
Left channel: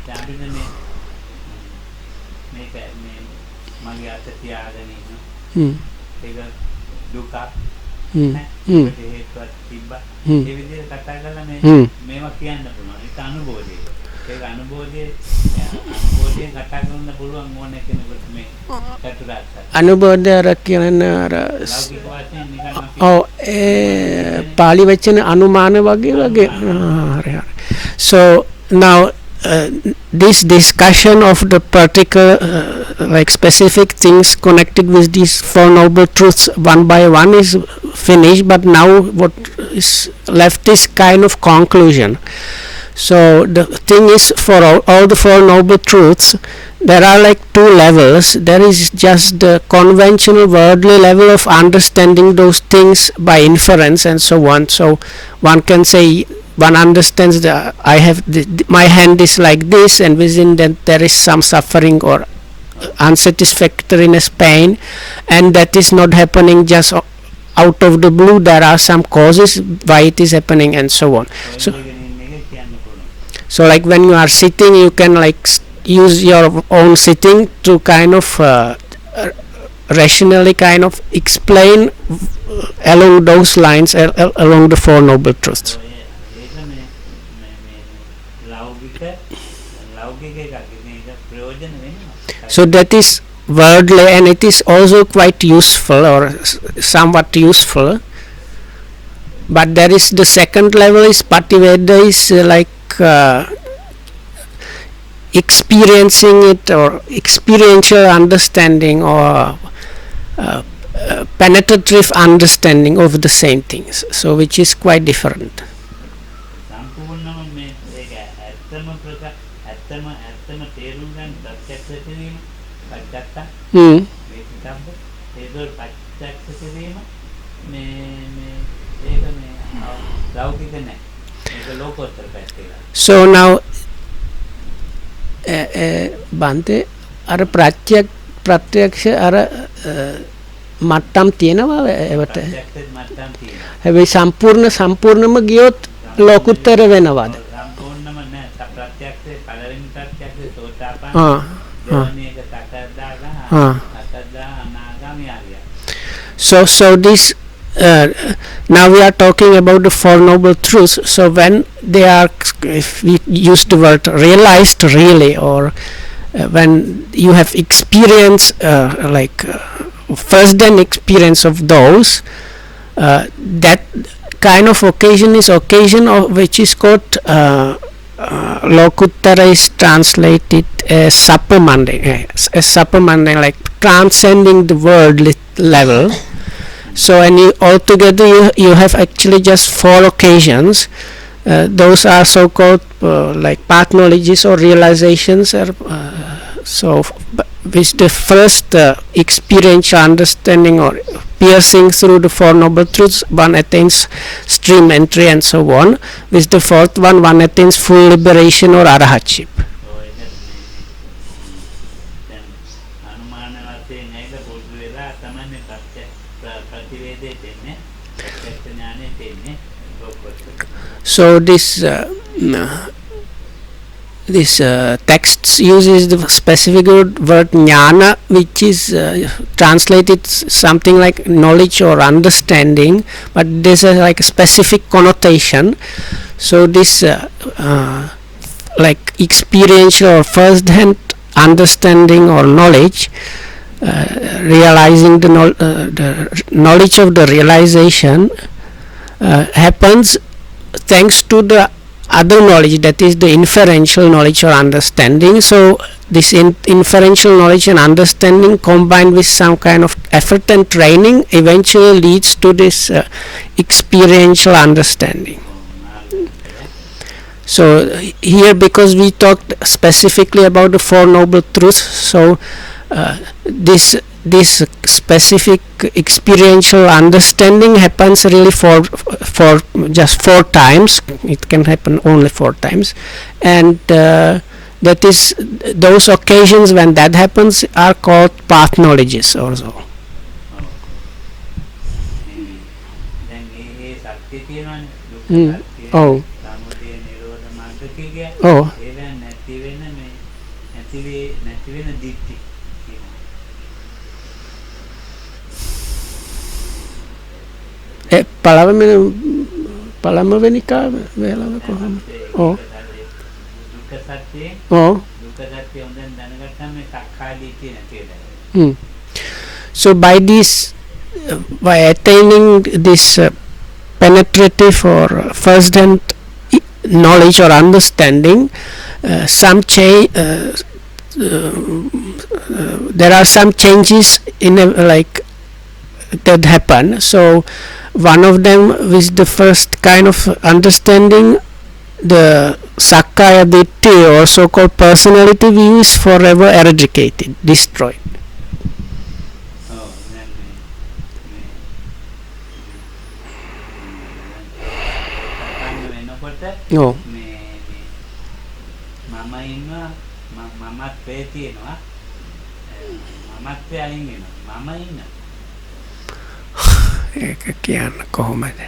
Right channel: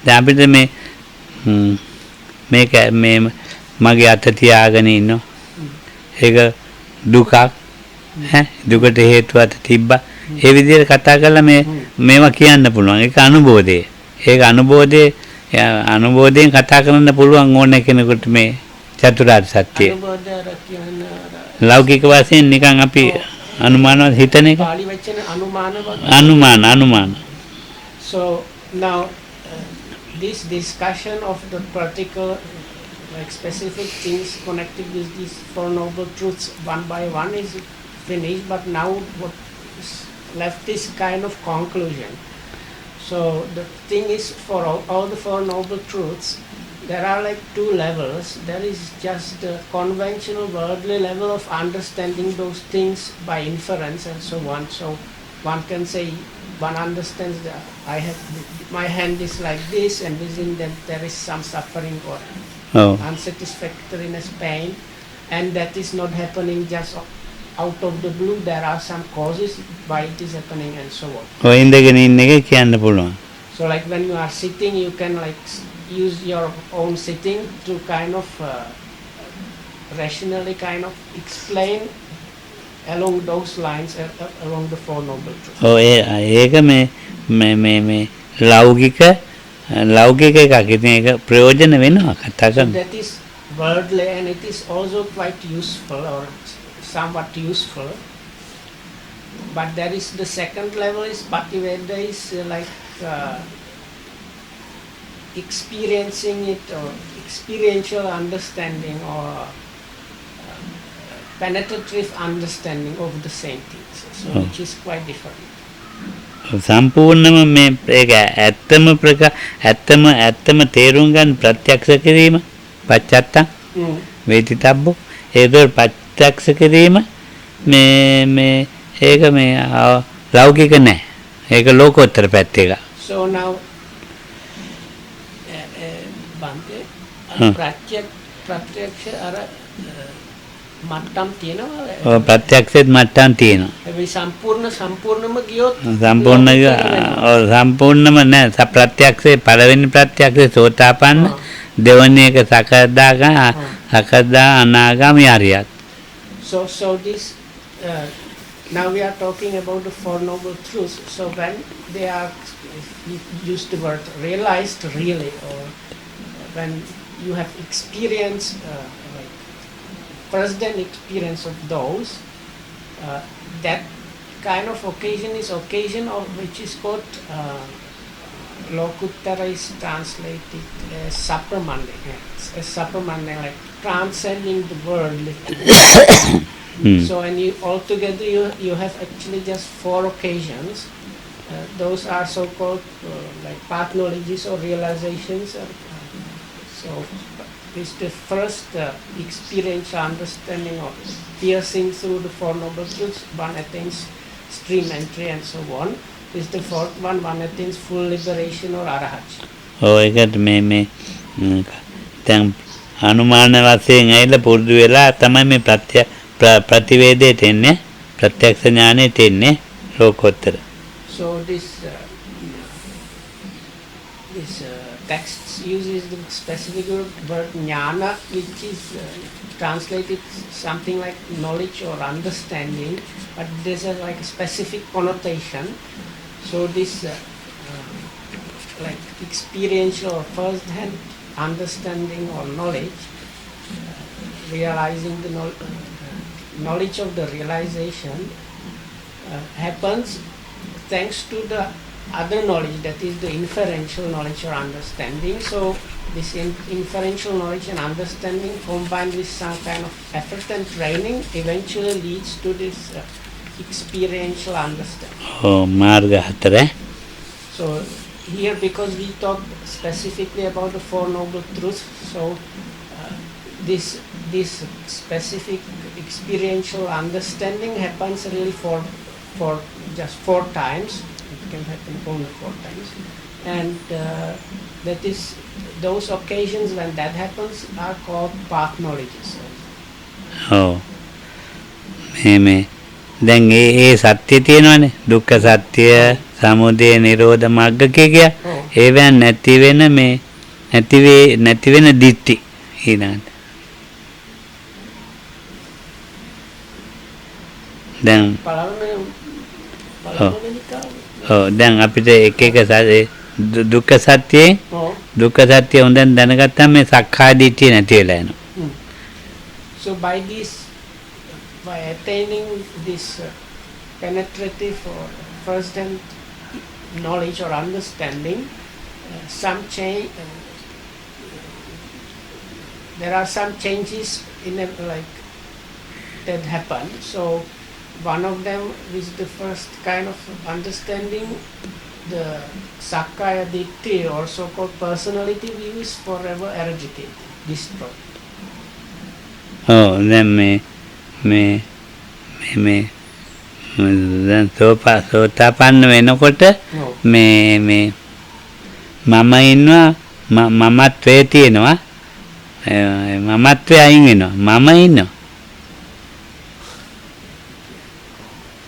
දැන් අපිට මේක මේ මගේ අත තියාගෙන ඉන්නවා. ඒක දුකක් ඈ දුකට හේතුවක් තිබ්බා. ඒ විදිහට කතා කරලා මේවා කියන්න පුළුවන්. ඒක අනුබෝධය. ඒක අනුබෝධයෙන් කතා කරන්න පුළුවන් ඕන කෙනෙකුට මේ චතුරාර්ය සත්‍ය. අනුබෝධය අර කියන්නේ අර ලෞකික වශයෙන් නිකන් අපි අනුමාන හිතන එක. පාලි වචන අනුමාන වගේ. අනුමාන. So now this discussion of the particular like specific things connected with these Four Noble Truths one by one is finished, but now what is left is kind of conclusion. So the thing is, for all the Four Noble Truths there are like two levels. There is just the conventional worldly level of understanding those things by inference and so on. So one can say one understands that I have my hand is like this, and within that there is some suffering or unsatisfactoriness, pain, and that is not happening just out of the blue. There are some causes why it is happening and so on. So like when you are sitting, you can like use your own sitting to kind of rationally kind of explain along those lines, along the Four Noble Truths. ඒක මේ ලෞකික එකක්. ඉතින් ඒක ප්‍රයෝජන වෙනවා කතා කරලා. So that is worldly, and it is also quite useful or somewhat useful. But there is the second level is Pativeda, is like experiencing it or experiential understanding or penetrative understanding of the same things, so which is quite different. සම්පූර්ණම මේ ඒක ඇත්තම තේරුම් ගන්න ප්‍රත්‍යක්ෂ කිරීම පච්චත්ත වේදිතබ්බෝ ඒක ප්‍රත්‍යක්ෂ කිරීම මේ ඒක මේ ලෞකික නැහැ. ඒක ලෝකෝත්තර පැත්ත එක. So now බන්තේ අර ප්‍රත්‍යක්ෂ අර මට්ටම් තියෙනවා. ප්‍රත්‍යක්ෂෙත් මට්ටම් තියෙනවා. හැබැයි සම්පූර්ණම ගියොත් ලෝකෝත්තර වෙනවා. සම්පූර්ණම නෑ. ප්‍රත්‍යක්ෂේ පළවෙනි ප්‍රත්‍යක්ෂේ සෝතාපන්න, දෙවෙනි එක සකදා අනාගාමී අරියත්. So this now we are talking about the Four Noble Truths. So when they are, if we use the word realized really, or when you have experience first hand experience of those, that kind of occasion is occasion of which is called Lokuttara is translated as supermundane, like transcending the world level. So and altogether you have actually just 4 occasions. Those are so-called like path knowledges or realizations. So with the first experiential understanding or piercing through the 4 noble truths, one attains stream entry and so on. With the 4th one attains full liberation or arahatship. ඒකට මේ දැන් අනුමාන වශයෙන් ඇවිල්ලා පුරුදු වෙලා තමයි මේ ප්‍රතිවේදයට එන්නේ ප්‍රත්‍යක්ෂ ඥානෙට එන්නේ ලෝකෝත්තර. So this text uses the specific word jnana, which is translated something like knowledge or understanding, but there's like a specific connotation. So this like experiential or first-hand understanding or knowledge, realizing the knowledge of the realization happens thanks to the other knowledge, that is the inferential knowledge or understanding. So this inferential knowledge and understanding combined with some kind of effort and training eventually leads to this experiential understanding. So here, because we talked specifically about the 4 noble truths, so this specific experiential understanding happens really for just 4 times. It can happen only 4 times, and that is those occasions when that happens are called path knowledges also. දැන් ඒ සත්‍ය තියෙනවානේ දුක්ඛ සත්‍ය සමුදය නිරෝධ මාර්ග කිය. ඒවෙන් නැති වෙන මේ නැති වෙන දිට්ඨි ඊළඟට දැන් පළවෙනි දැන් අපිට එක දුක්ඛ සත්‍යයේ දුක්ඛ සත්‍ය හොඳින් දැනගත්තාම මේ සක්කාය දිට්ඨිය නැති වෙලා යනවා. So by attaining this penetrative or first-hand knowledge or understanding, there are some changes in like that happen. So one of them with the first kind of understanding, the Sakkaya Ditthi or so-called personality view is forever eradicated, destroyed. Then දැන් සෝතාපන්න වෙනකොට මේ මම ඉන්නවා මමත්වයේ තියෙනවා මමත්වයේ අයින් වෙනවා මම ඉන්නවා ඒක කියන්න කොහොමද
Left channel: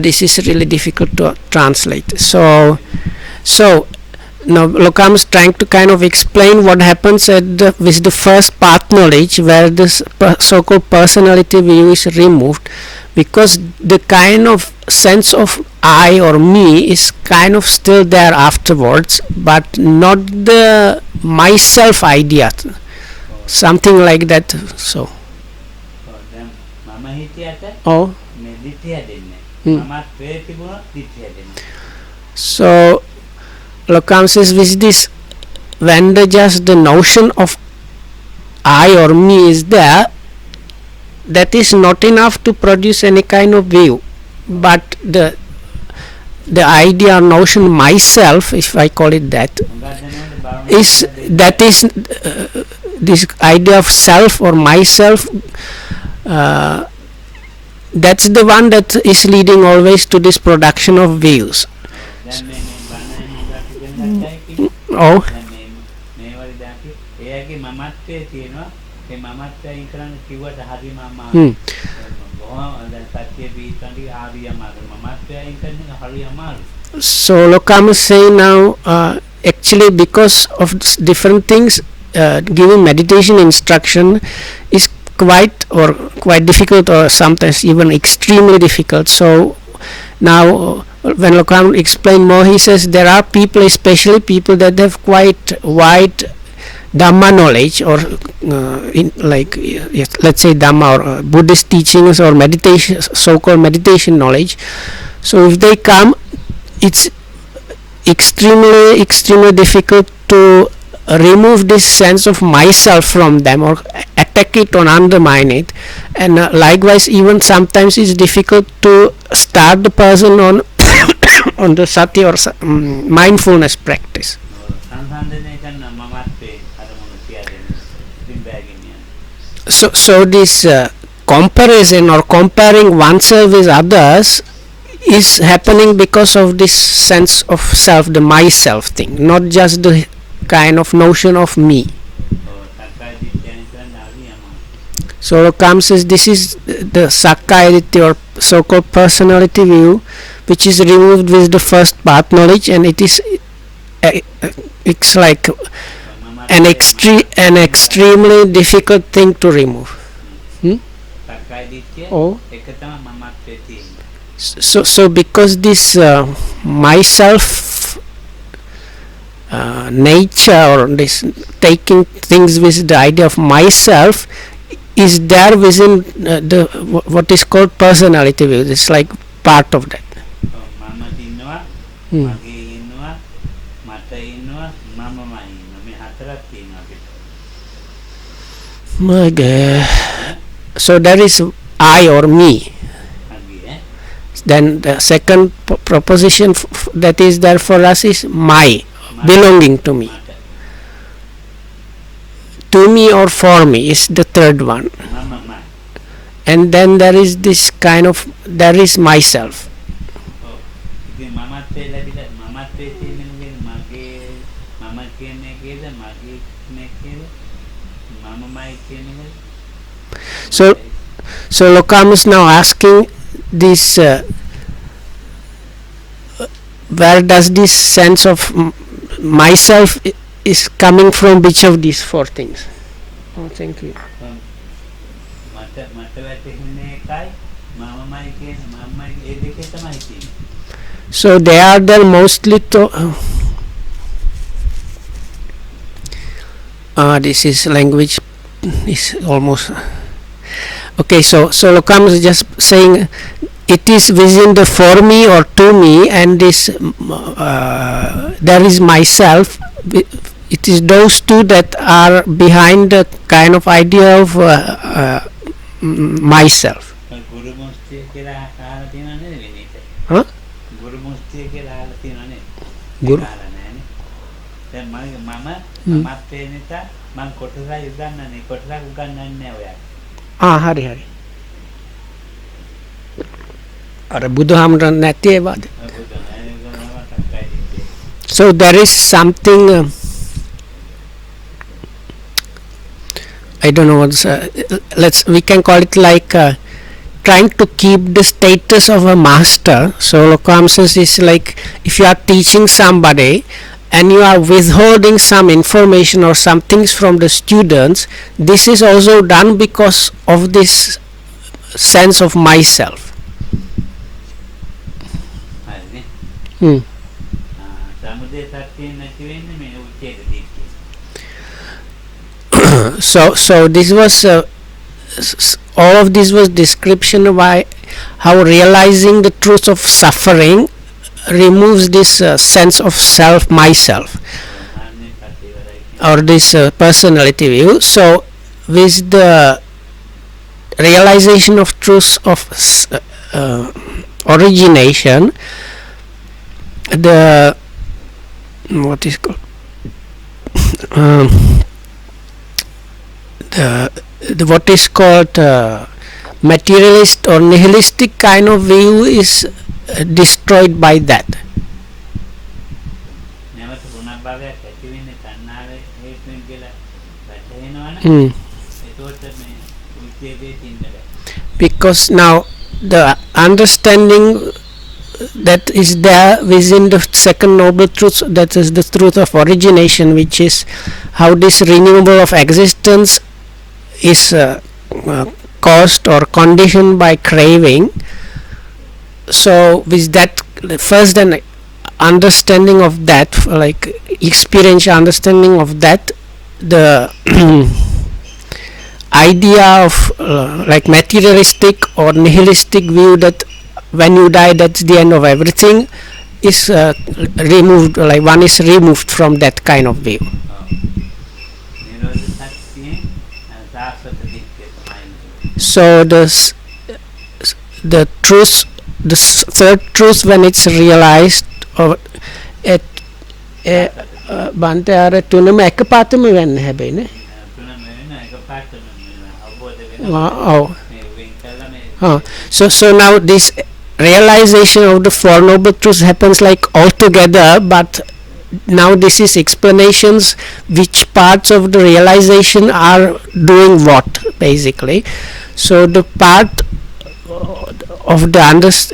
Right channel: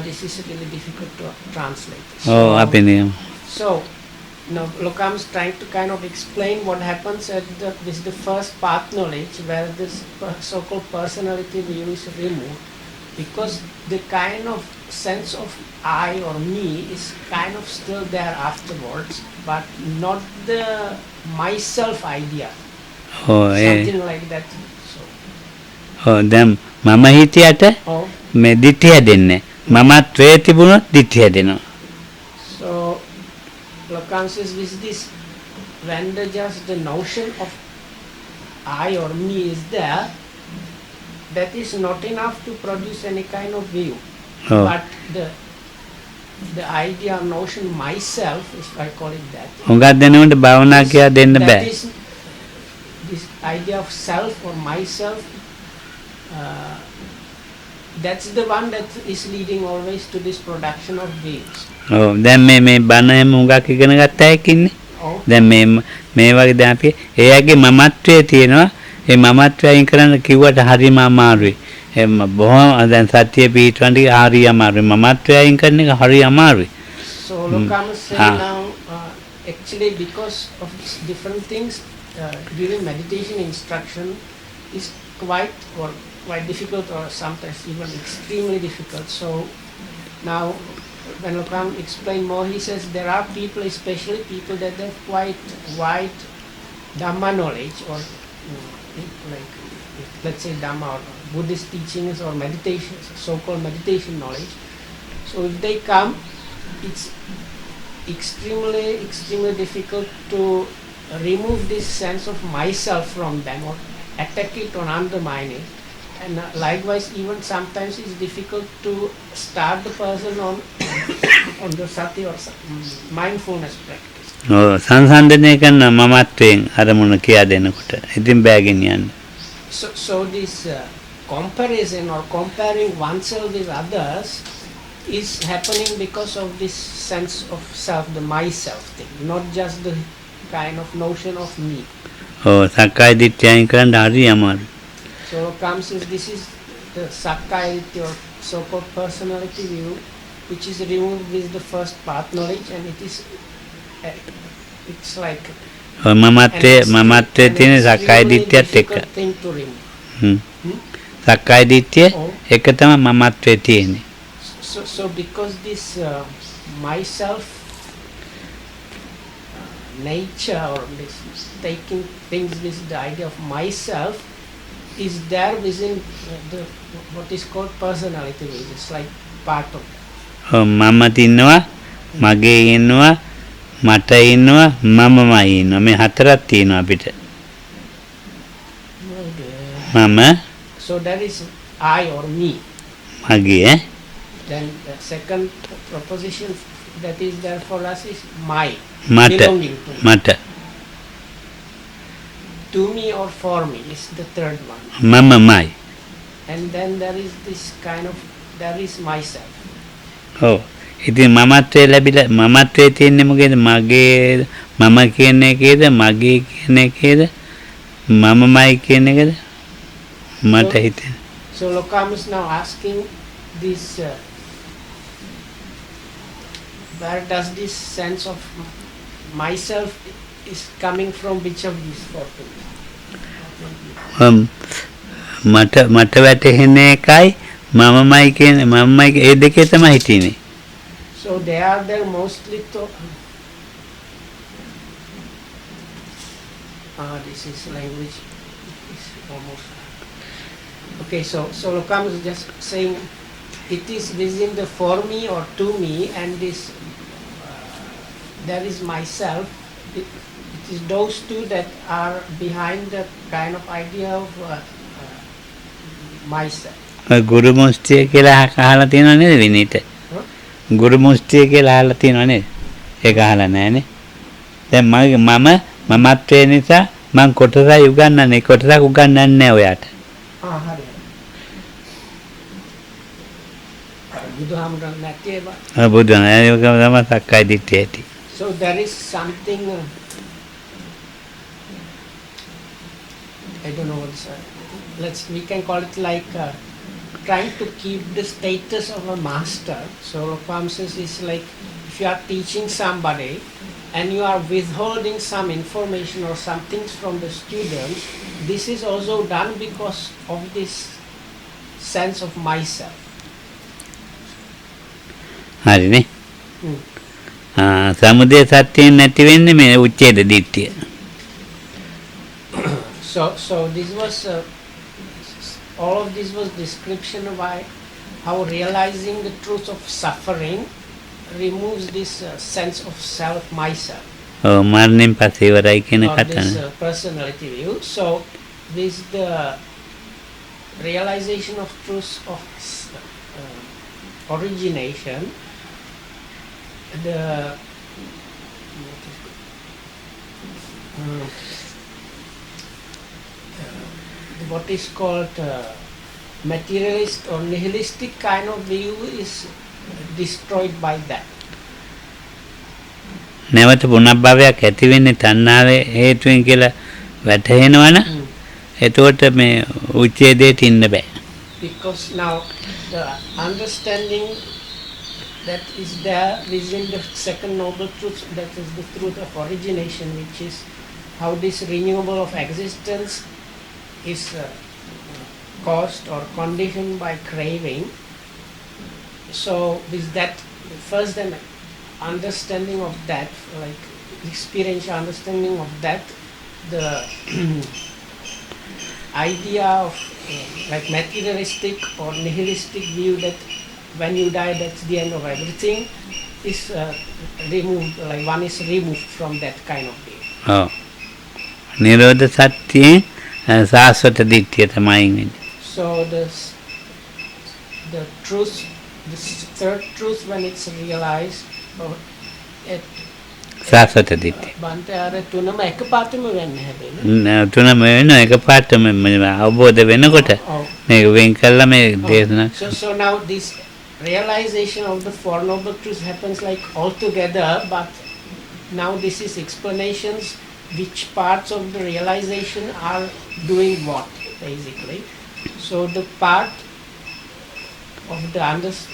this is really difficult to translate. So now Lokam is trying to kind of explain what happens with the first path knowledge, where this so-called personality view is removed, because the kind of sense of I or me is kind of still there afterwards, but not the myself idea. Something like that. So then mama hitiyata me dithiya denne mamatwe tibunot dithiya denna. So Lokam says with this, when just the notion of I or me is there, that is not enough to produce any kind of view. But the idea or notion myself, if I call it that, is this idea of self or myself, that's the one that is leading always to this production of views. දැන් මේ බණ මුගක් ඉගෙන ගත්ත අයෙක් ඉන්නේ. දැන් මේ වගේ දැන් අපි එයාගේ මමත්වයේ තියෙනවා. ඒ මමත්වය අයින් කරන්න කිව්වට හරිම අමාරුයි. එම්ම බොහොම දැන් සත්‍ය පිටවන්න හරි අමාරුයි. මමත්වය අයින් කරන එක හරි අමාරුයි. So Lokam is saying now actually because of different things, giving meditation instruction is quite difficult, or sometimes even extremely difficult. So now when Lokam explained more, he says there are people, especially people that have quite wide Dhamma knowledge, or let's say Dhamma or Buddhist teachings or meditation, so-called meditation knowledge. So if they come, it's extremely difficult to remove this sense of myself from them, or attack it or undermine it. And likewise, even sometimes it's difficult to start the person on on the sati or mindfulness practice. සංසන්දනය කරන මමත්වයෙන් අරමුණ කියා දෙනකොට ඉතින් බෑගෙන යන්න. So this comparison or comparing oneself with others is happening because of this sense of self, the myself thing, not just the kind of notion of me. සක්කාය දිට්ඨියෙන් කරන්න හරි අමාරු. So Lokam says this is the Sakkaya Ditthi or so-called personality view, which is removed with the first path knowledge, and it is it's like an extremely difficult thing to remove. සක්කාය දිට්ඨිය එක තමයි මමත්වයේ තියෙන්නේ. So because this myself nature, or this taking things with the idea of myself, is there within the what is called personality view. It's like part of that. මම තින්නවා, මගේ ඉන්නවා, මට ඉන්නවා, මමමයි ඉන්නවා. මේ හතරක් තියෙනවා අපිට. මම. So there is I or me. මගේ. Then the second proposition that is there for us is my, belonging to me. මට. To me or for me is the third one. මමමයි. And then there is this kind of, there is myself. ඉතින් මමත්වයේ ලැබිලා මමත්වයේ තියෙන්නේ මොකේද? මගේ මම කියන එකේද, මගේ කියන එකේද, මමමයි කියන එකේද? මට හිතෙන. So Lokam is now asking this where does this sense of myself is coming from, which of these four things? Thank you. මට වැටහෙන එකයි මමමයි කියන මමමයි ඒ දෙකේ තමයි හිටින්නේ. So they are there mostly to this is language is almost okay. So Lokam is just saying it is within the for me or to me, and this there is myself. It is those two that are behind the kind of idea of myself. ගුරු මුස්තිය කියලා අහලා තියෙනව නේද විනීත? ගුරු මුස්තිය කියලා අහලා තියෙනව නේද? ඒක අහලා නැහැනේ. දැන් මම මමත්වයේ නිසා මං කොටසයි උගන්වන්නේ, කොටසක් උගන්වන්නේ නැහැ ඔයාට. හරි. අර බුදුහාමුදුරන් නැති ඒවාද? බුදුහාම ඒක තමයි සක්කාය දිට්ඨිය ඇති. So there is something I don't know what's we can call it like trying to keep the status of a master. So Lokam says is like if you are teaching somebody and you are withholding some information or some things from the students, this is also done because of this sense of myself. හරිනේ. සමුදය සත්‍යයෙන් නැති වෙන්නේ මේ උච්ඡේද දිට්ඨිය. So this was all of this was description of how realizing the truth of suffering removes this sense of self, myself, or this personality view. So with the realization of truth of origination, the what is called the what is called materialist or nihilistic kind of view is destroyed by that. නැවත පුනර්භවයක් ඇති වෙන්නේ තණ්හාවේ හේතුවෙන් කියලා වැටහෙනවනේ. එතකොට මේ උච්ඡේදයට ඉන්න බෑ. Because now the understanding that is there within the second noble truth, that is the truth of origination, which is how this renewal of existence is caused or conditioned by craving. So with that first an understanding of that, like experiential understanding of that, the idea of like materialistic or nihilistic view that when you die that's the end of everything is removed, like one is removed from that kind of view. Nirodha Satyen Saswata Ditthiya තමයි. So the truth, the third truth, when it's realized or at සාස්වත දිට්ඨිය. බන්තේ අර තුනම එකපාරටම වෙන්නේ හැබැයි නේ. තුනම වෙනවා එකපාරටම අවබෝධ වෙනකොට මේක වෙන් කළා මේ දේශනා. So now this realization of the Four Noble Truths happens like all together, but now this is explanations which parts of the realization are doing what basically. So the part of the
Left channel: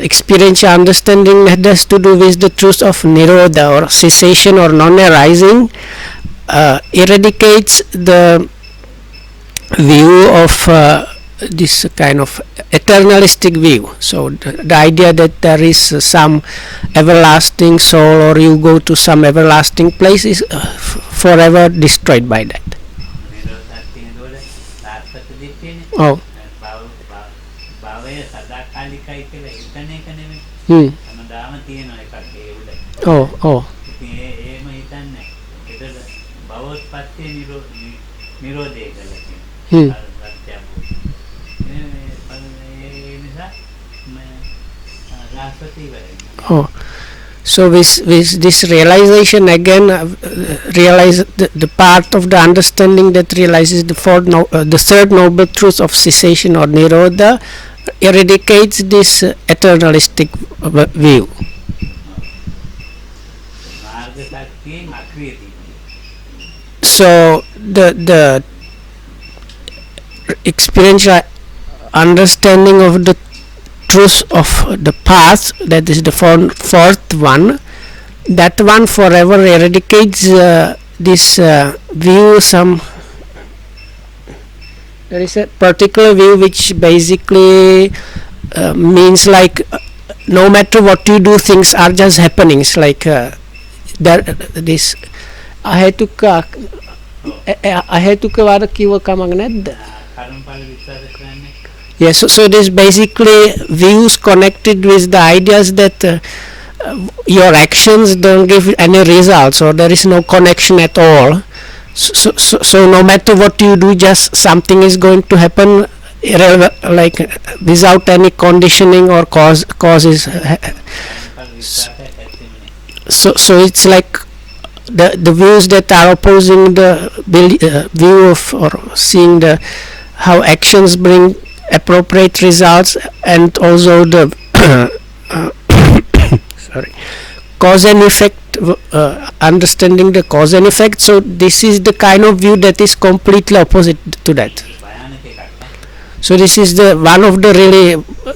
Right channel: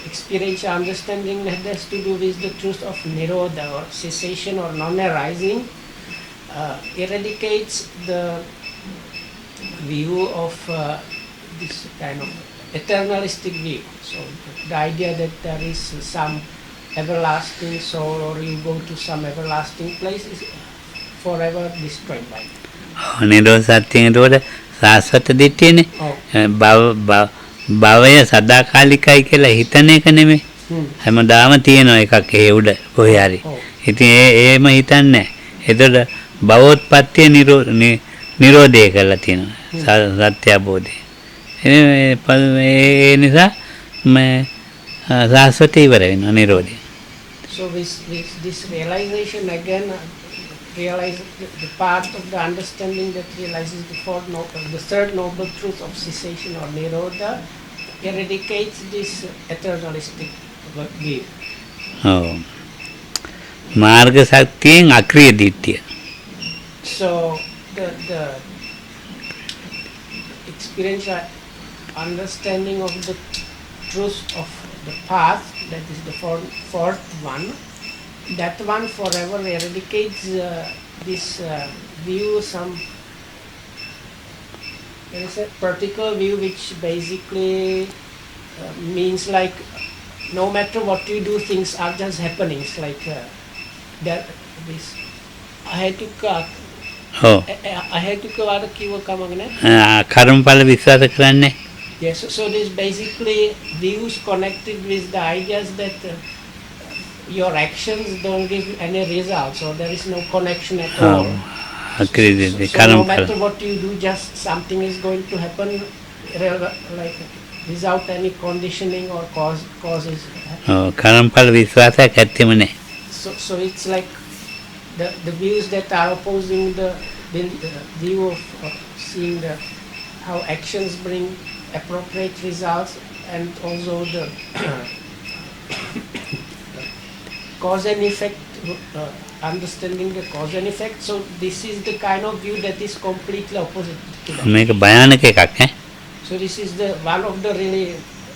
experiential understanding that has to do with the truth of Nirodha or cessation or non-arising eradicates the view of this kind of eternalistic view. So the idea that there is some everlasting soul or you go to some everlasting place is forever destroyed by that. Nirodha Satyen එතකොට සාස්වත දිට්ඨියනේ. භවය සදාකාලිකයි කියලා හිතන එක නෙමෙයි. හැමදාම තියෙන එකක් ඒ උඩ කොහේ හරි. ඉතින් ඒම හිතන්නේ. එතකොට භවෝත්පත්තිය නිරෝධය කරලා තියෙනවා. සත්‍ය අවබෝධය. ඒ නිසා මේ සාස්වතය ඉවර වෙනවා නිරෝධය. So with this realization again, realize the part of the understanding that realizes the third noble truth of cessation or Nirodha eradicates this eternalistic view. මාර්ග ශක්තියෙන් අක්‍රීය දිට්ඨිය. So the experiential understanding of the truth of the path, that is the fourth one, that one forever eradicates this view. There is a particular view which basically means like no matter what you do, things are just happenings, like this අහේතුක වාද කිව්ව කමක් නැද්ද? කර්මඵල විශ්වාස කරන්නේ. Yes, so this basically views connected with the ideas that your actions don't give any results or there is no connection at all. So no matter what you do, just something is going to happen like without any conditioning or causes. So it's like the views that are opposing the view of or seeing the how actions bring appropriate results and also the cause and effect, understanding the cause and effect. So this is the kind of view that is completely opposite to that. So this is the one of the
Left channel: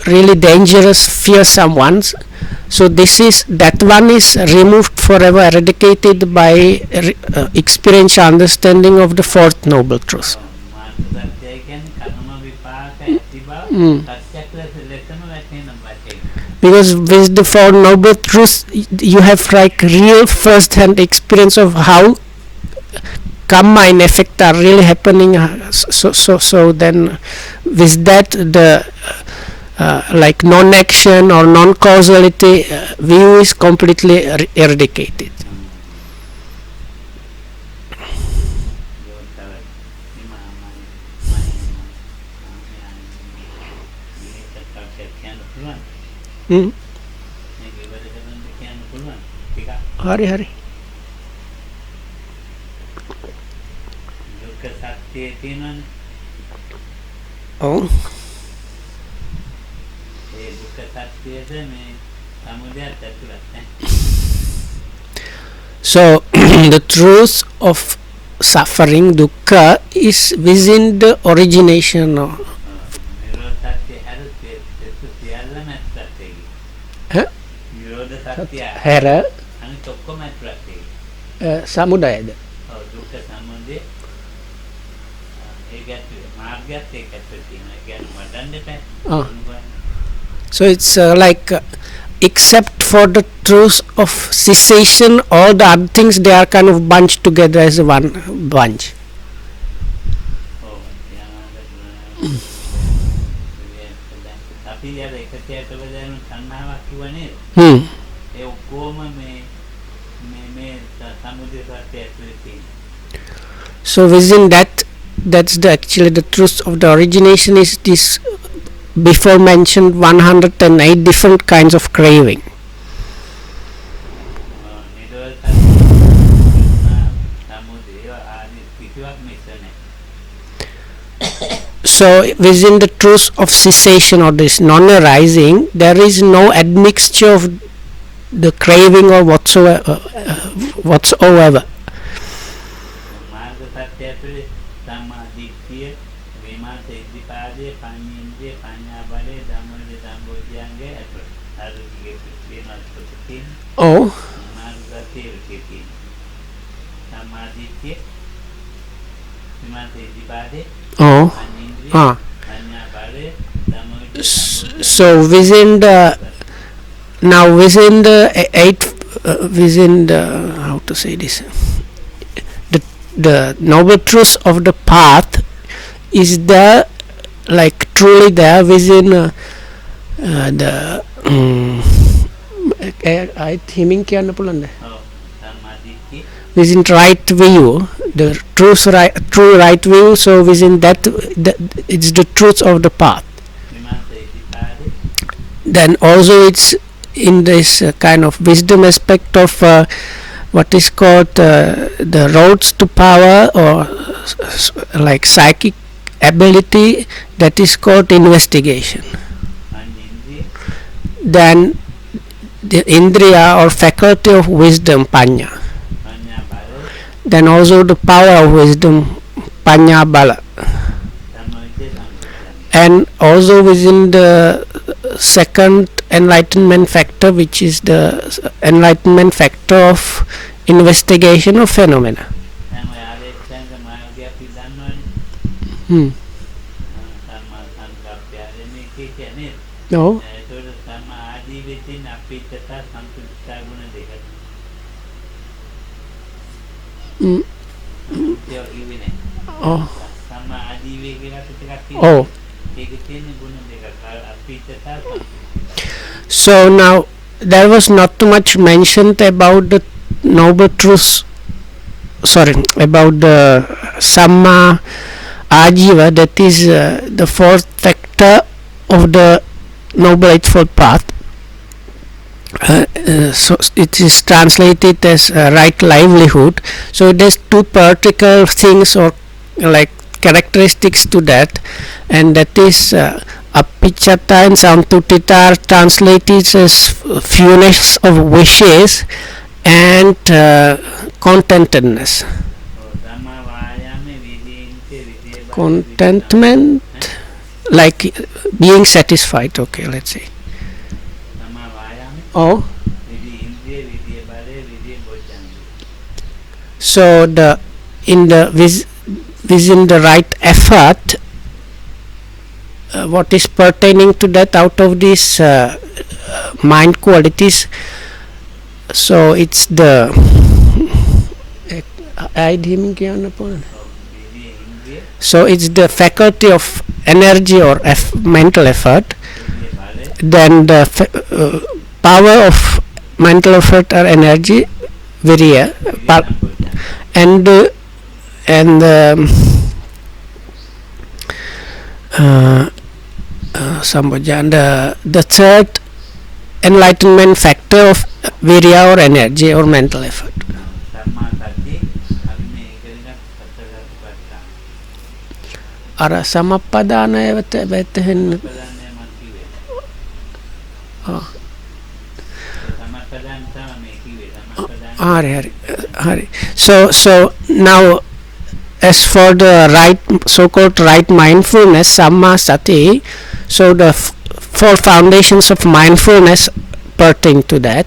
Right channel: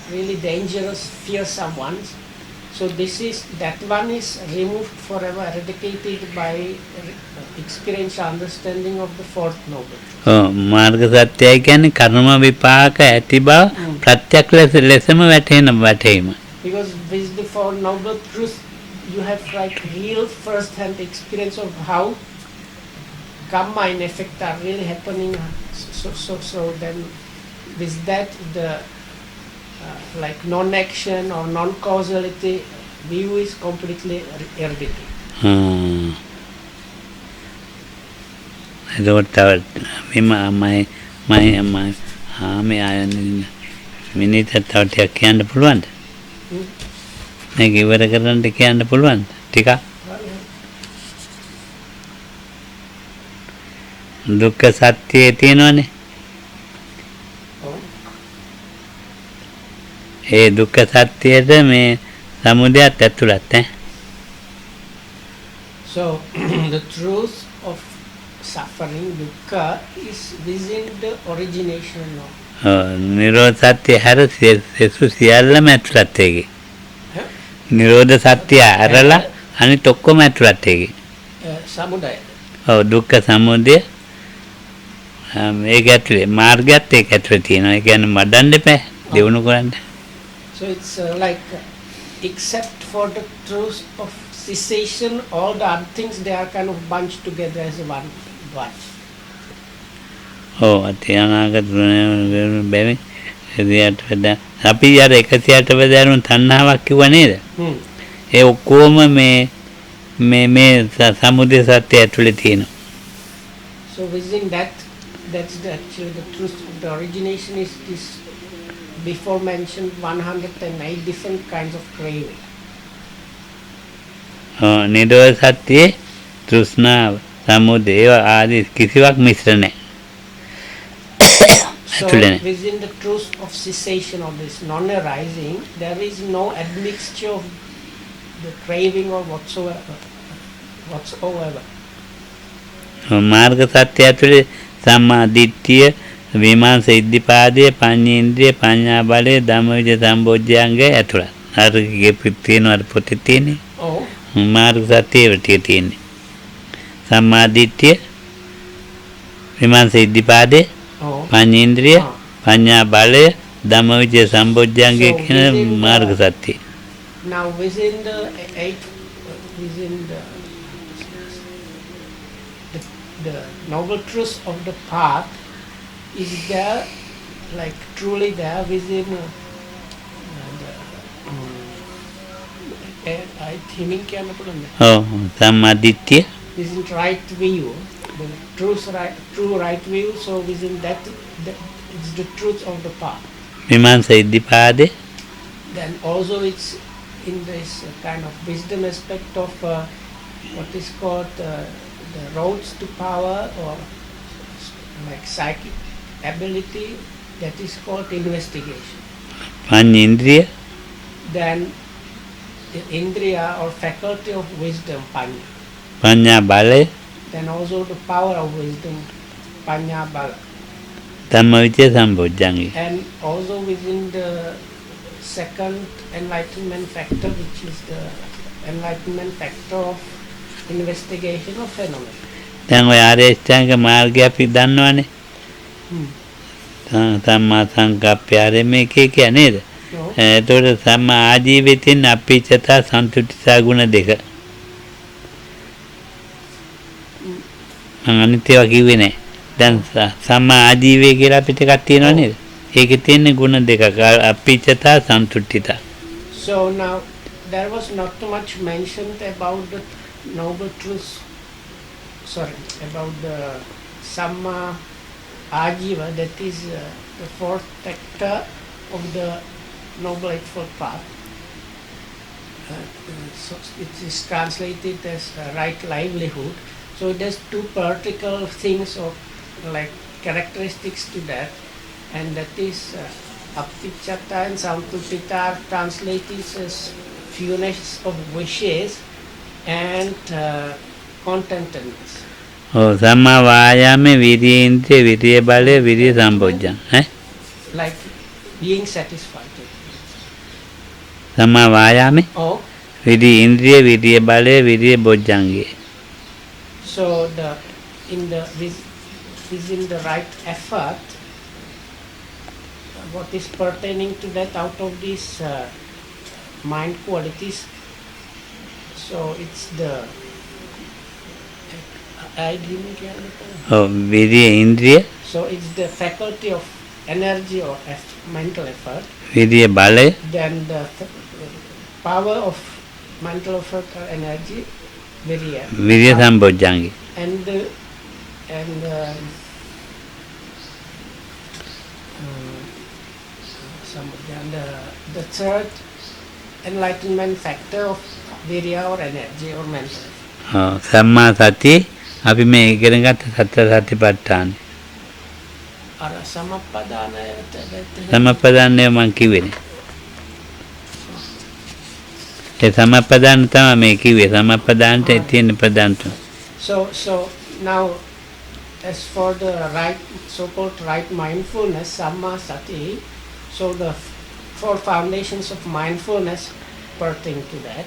really dangerous, fearsome ones. So that one is removed forever, eradicated by experiential understanding of the fourth noble truth. මාර්ග සත්‍යය කියන්නේ කර්ම විපාක ඇති බව ප්‍රත්‍යක්ෂ ලෙසම වැටහෙන. Because with the Four Noble Truths, you have like real first-hand experience of how karma and effect are really happening. So then, with that, the like non-action or non-causality view is completely eradicated. I don't my minute thought කියන්න පුළුවන්ද? මේක ඉවර කරන්න කියන්න පුළුවන්ද? ටිකක්. හරි. දුක්ඛ සත්‍යය තියෙනවනේ. ඔව්. ඒ දුක්ඛ සත්‍යයද මේ සමුදයත් ඇතුළත් ඈ. So the truth of suffering, dukkha, is within the origination of නිරෝධ සත්‍ය හැර සෙසු සියල්ලම ඇතුළත් ඒකේ. නිරෝධ සත්‍ය ඇරලා අනිත් ඔක්කොම ඇතුළත් ඒකේ. සමුදයද? ඔව් දුක්ඛ සමුදය මේක ඇතුලේ මාර්ගයත් ඒක ඇතුලේ තියෙනවා. ඒ කියන්නේ මඩන්න එපා. දිනු කරන්න. So it's like except for the truth of cessation, all the other things, they are kind of bunched together as one bunch. ඔව් අතියානාගත බැවින් එදියට වඩා අපි අර 108 වදාරුන් තණ්හාවක් කිව්ව නේද? ඒ ඔක්කොම මේ සමුදය සත්‍ය ඇතුලේ තියෙනවා. So within that, that's the actually the truth of the origination is this before mentioned 108 different kinds of craving. නිරෝධ සත්‍යයේ තෘෂ්ණාව සමුදය ආදී කිසිවක් මිශ්‍ර නැහැ. So within the truth of cessation or this non-arising, there is no admixture of the craving or whatsoever. මාර්ග සත්‍ය ඇතුලේ සම්මා දිට්ඨිය විමාංශ ඉද්ධිපාදයේ පඤ්ඤේන්ද්‍රිය පඤ්ඤා බලය ධම්මවිජය සම්බොජ්ජංගය ඇතුළත්. අර තියෙන අර පොතේ තියෙන්නේ. ඔව්. මාර්ග සත්‍යයේ තියෙන්නේ. සම්මා දිට්ඨිය විමාංශ ඉද්ධිපාදයේ පඤ්ඤේන්ද්‍රිය පඤ්ඤා බලය ධම්මවිජය සම්බොජ්ජංගය. So within the now within the within the how to say this, the noble truth of the path is there, like truly there within the I think samaditya within right view, the true right view. So within that, it's the truth of the path. vimansa iddhipade. Then also it's in this kind of wisdom aspect of what is called the roads to power, or like psychic ability, that is called investigation. Panyendriya. Then the indriya or faculty of wisdom, panya. Panya bala. Then also the power of wisdom, panya bala. Dhammavicaya sambojjhanga. And also within the second enlightenment factor, which is the enlightenment factor of investigation of phenomena. දැන් ඔය ආර්ය අෂ්ටාංග මාර්ගය අපි දන්නවනේ. සම්මා සංකප්පය මේකේ කියන්නේ නේද? ඔව්. ඒතකොට සම්මා ආජීවිතින් අපිච්චතා සන්තුෂ්ඨිතා ගුණ දෙක. අනිත් ඒවා කිව්වේ නෑ. දැන් සම්මා ආජීවය කියලා අපිට එකක් තියෙනවා නේද? ඒකේ තියෙන ගුණ දෙකක් අපිච්චතා සන්තුෂ්ඨිතා. So now there was not too much mentioned about the noble truth, about the Samma Ajiva, that is the fourth factor of the Noble Eightfold Path. So it is translated as right livelihood. So it has two particular things or like characteristics to that, and that is Apicchata and Santutita are translated as fewness of wishes and contentedness. සම්මා වායාමේ විරියේන්ද්‍රිය විරිය බලය විරිය සම්පජ්ජං. Like being satisfied. Okay, let's say. සම්මා වායාමේ විරිය ඉන්ද්‍රිය විරිය බලය විරිය බොජ්ජංගය. So within the right effort, what is pertaining to that out of these mind qualities, so it's the විරිය ඉන්ද්‍රිය. So it's the faculty of energy or mental effort. විරිය බලය. Then the power of mental effort or energy, virya. විරිය සම්බොජ්ජංගය. And Sambojjhanga, the third enlightenment factor of virya or energy or mental effort. සම්මා සතිය අපි මේ ඉගෙන ගත්ත සතර සතිපට්ඨාන. අර සමප්පදානයවත සමප්පදානය මං කිව්වේ. ඒ සමප්පදාන තමයි මේ කිව්වේ. සමප්පදානට තියෙන ප්‍රධාන. හරි. So now as for the right, so-called right mindfulness, Samma Sati, so the four foundations of mindfulness pertain to that.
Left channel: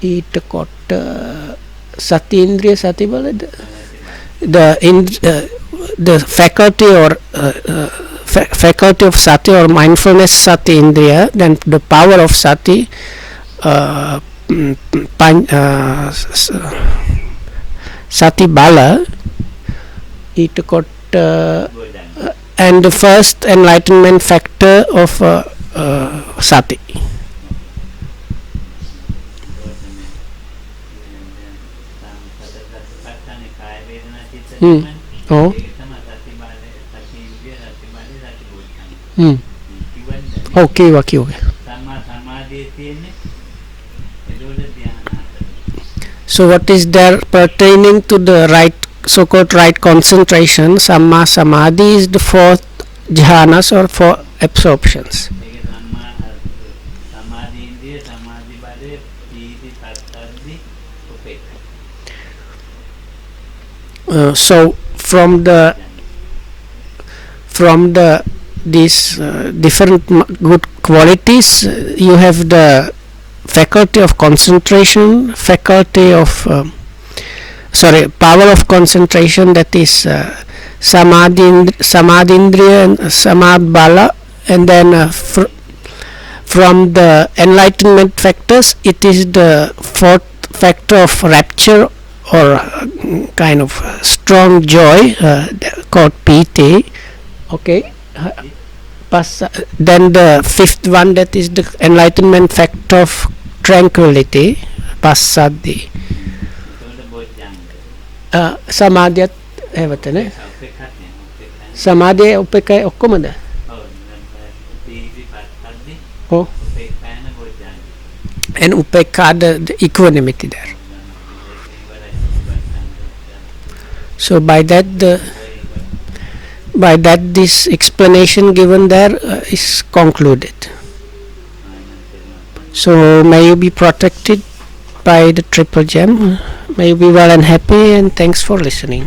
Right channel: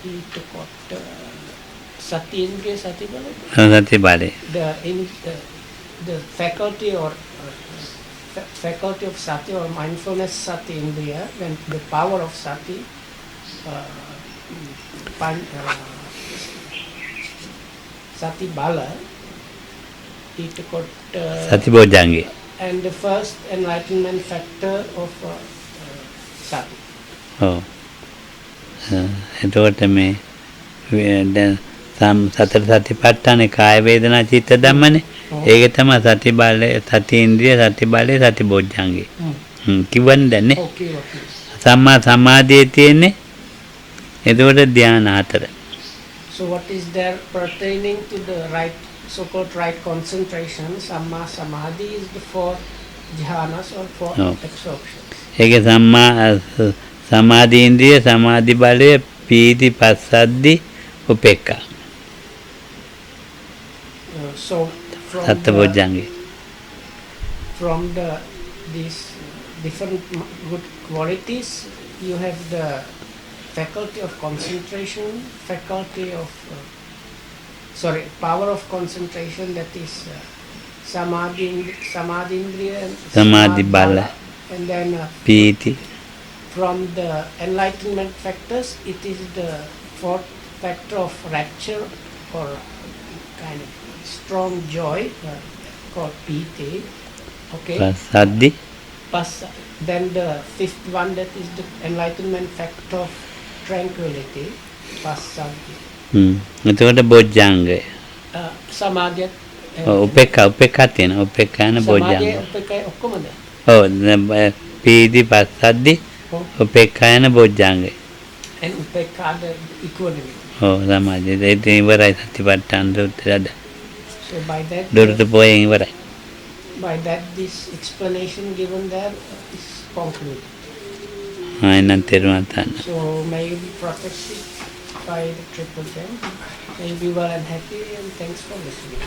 ඊට කොට සති ඉන්ද්‍රිය සති බලද? සති බලය. The faculty or faculty of sati or mindfulness sati indriya, then the power of sati Sati Bala, Satibojjhanga, and the first enlightenment factor of Sati. ඔව්. එතකොට මේ දැන් සතර සතිපට්ඨානේ කාය වේදනා චිත්ත ධම්මනේ. ඒක තමයි සති බලය, සති ඉන්ද්‍රිය, සති බලය, සති බොජ්ජංගේ. කිව්වනේ දැන් නේ. ඔව් කිව්වා. සම්මා සමාධියේ තියෙන්නේ එතකොට ධ්‍යාන හතර. So what is there pertaining to the right, so-called right concentration? Samma Samadhi is the fourth jhanas or four absorptions. ඒකේ සම්මා සමාධි ඉන්ද්‍රිය, සමාධි බලය, පීති, පස්සද්ධි, උපේක්ඛා. So from these different good qualities, you have the faculty of concentration, power of concentration, that is samadhindriya and samabala, and then from the enlightenment factors, it is the fourth factor of rapture or kind of strong joy, called piti. Okay. Then the fifth one, that is the enlightenment factor of tranquility, passaddhi. එතකොට බොජ්ජංගය. සමාධියත් උපේක්ඛා තියෙන. උපේක්ඛා න සමාධිය උපේක්ඛා ඔක්කොමද? ඔව්. පීති, පස්සද්ධි, උපේක්ඛා න බොජ්ජංගය. And upekha the equanimity there. Oh, සමාධිය. ඒක ඉවරයි සතිපට්ඨාන සූත්‍රයද. So by that this explanation given there is concluded. So may you be protected by the triple gem. May you be well and happy, and thanks for listening.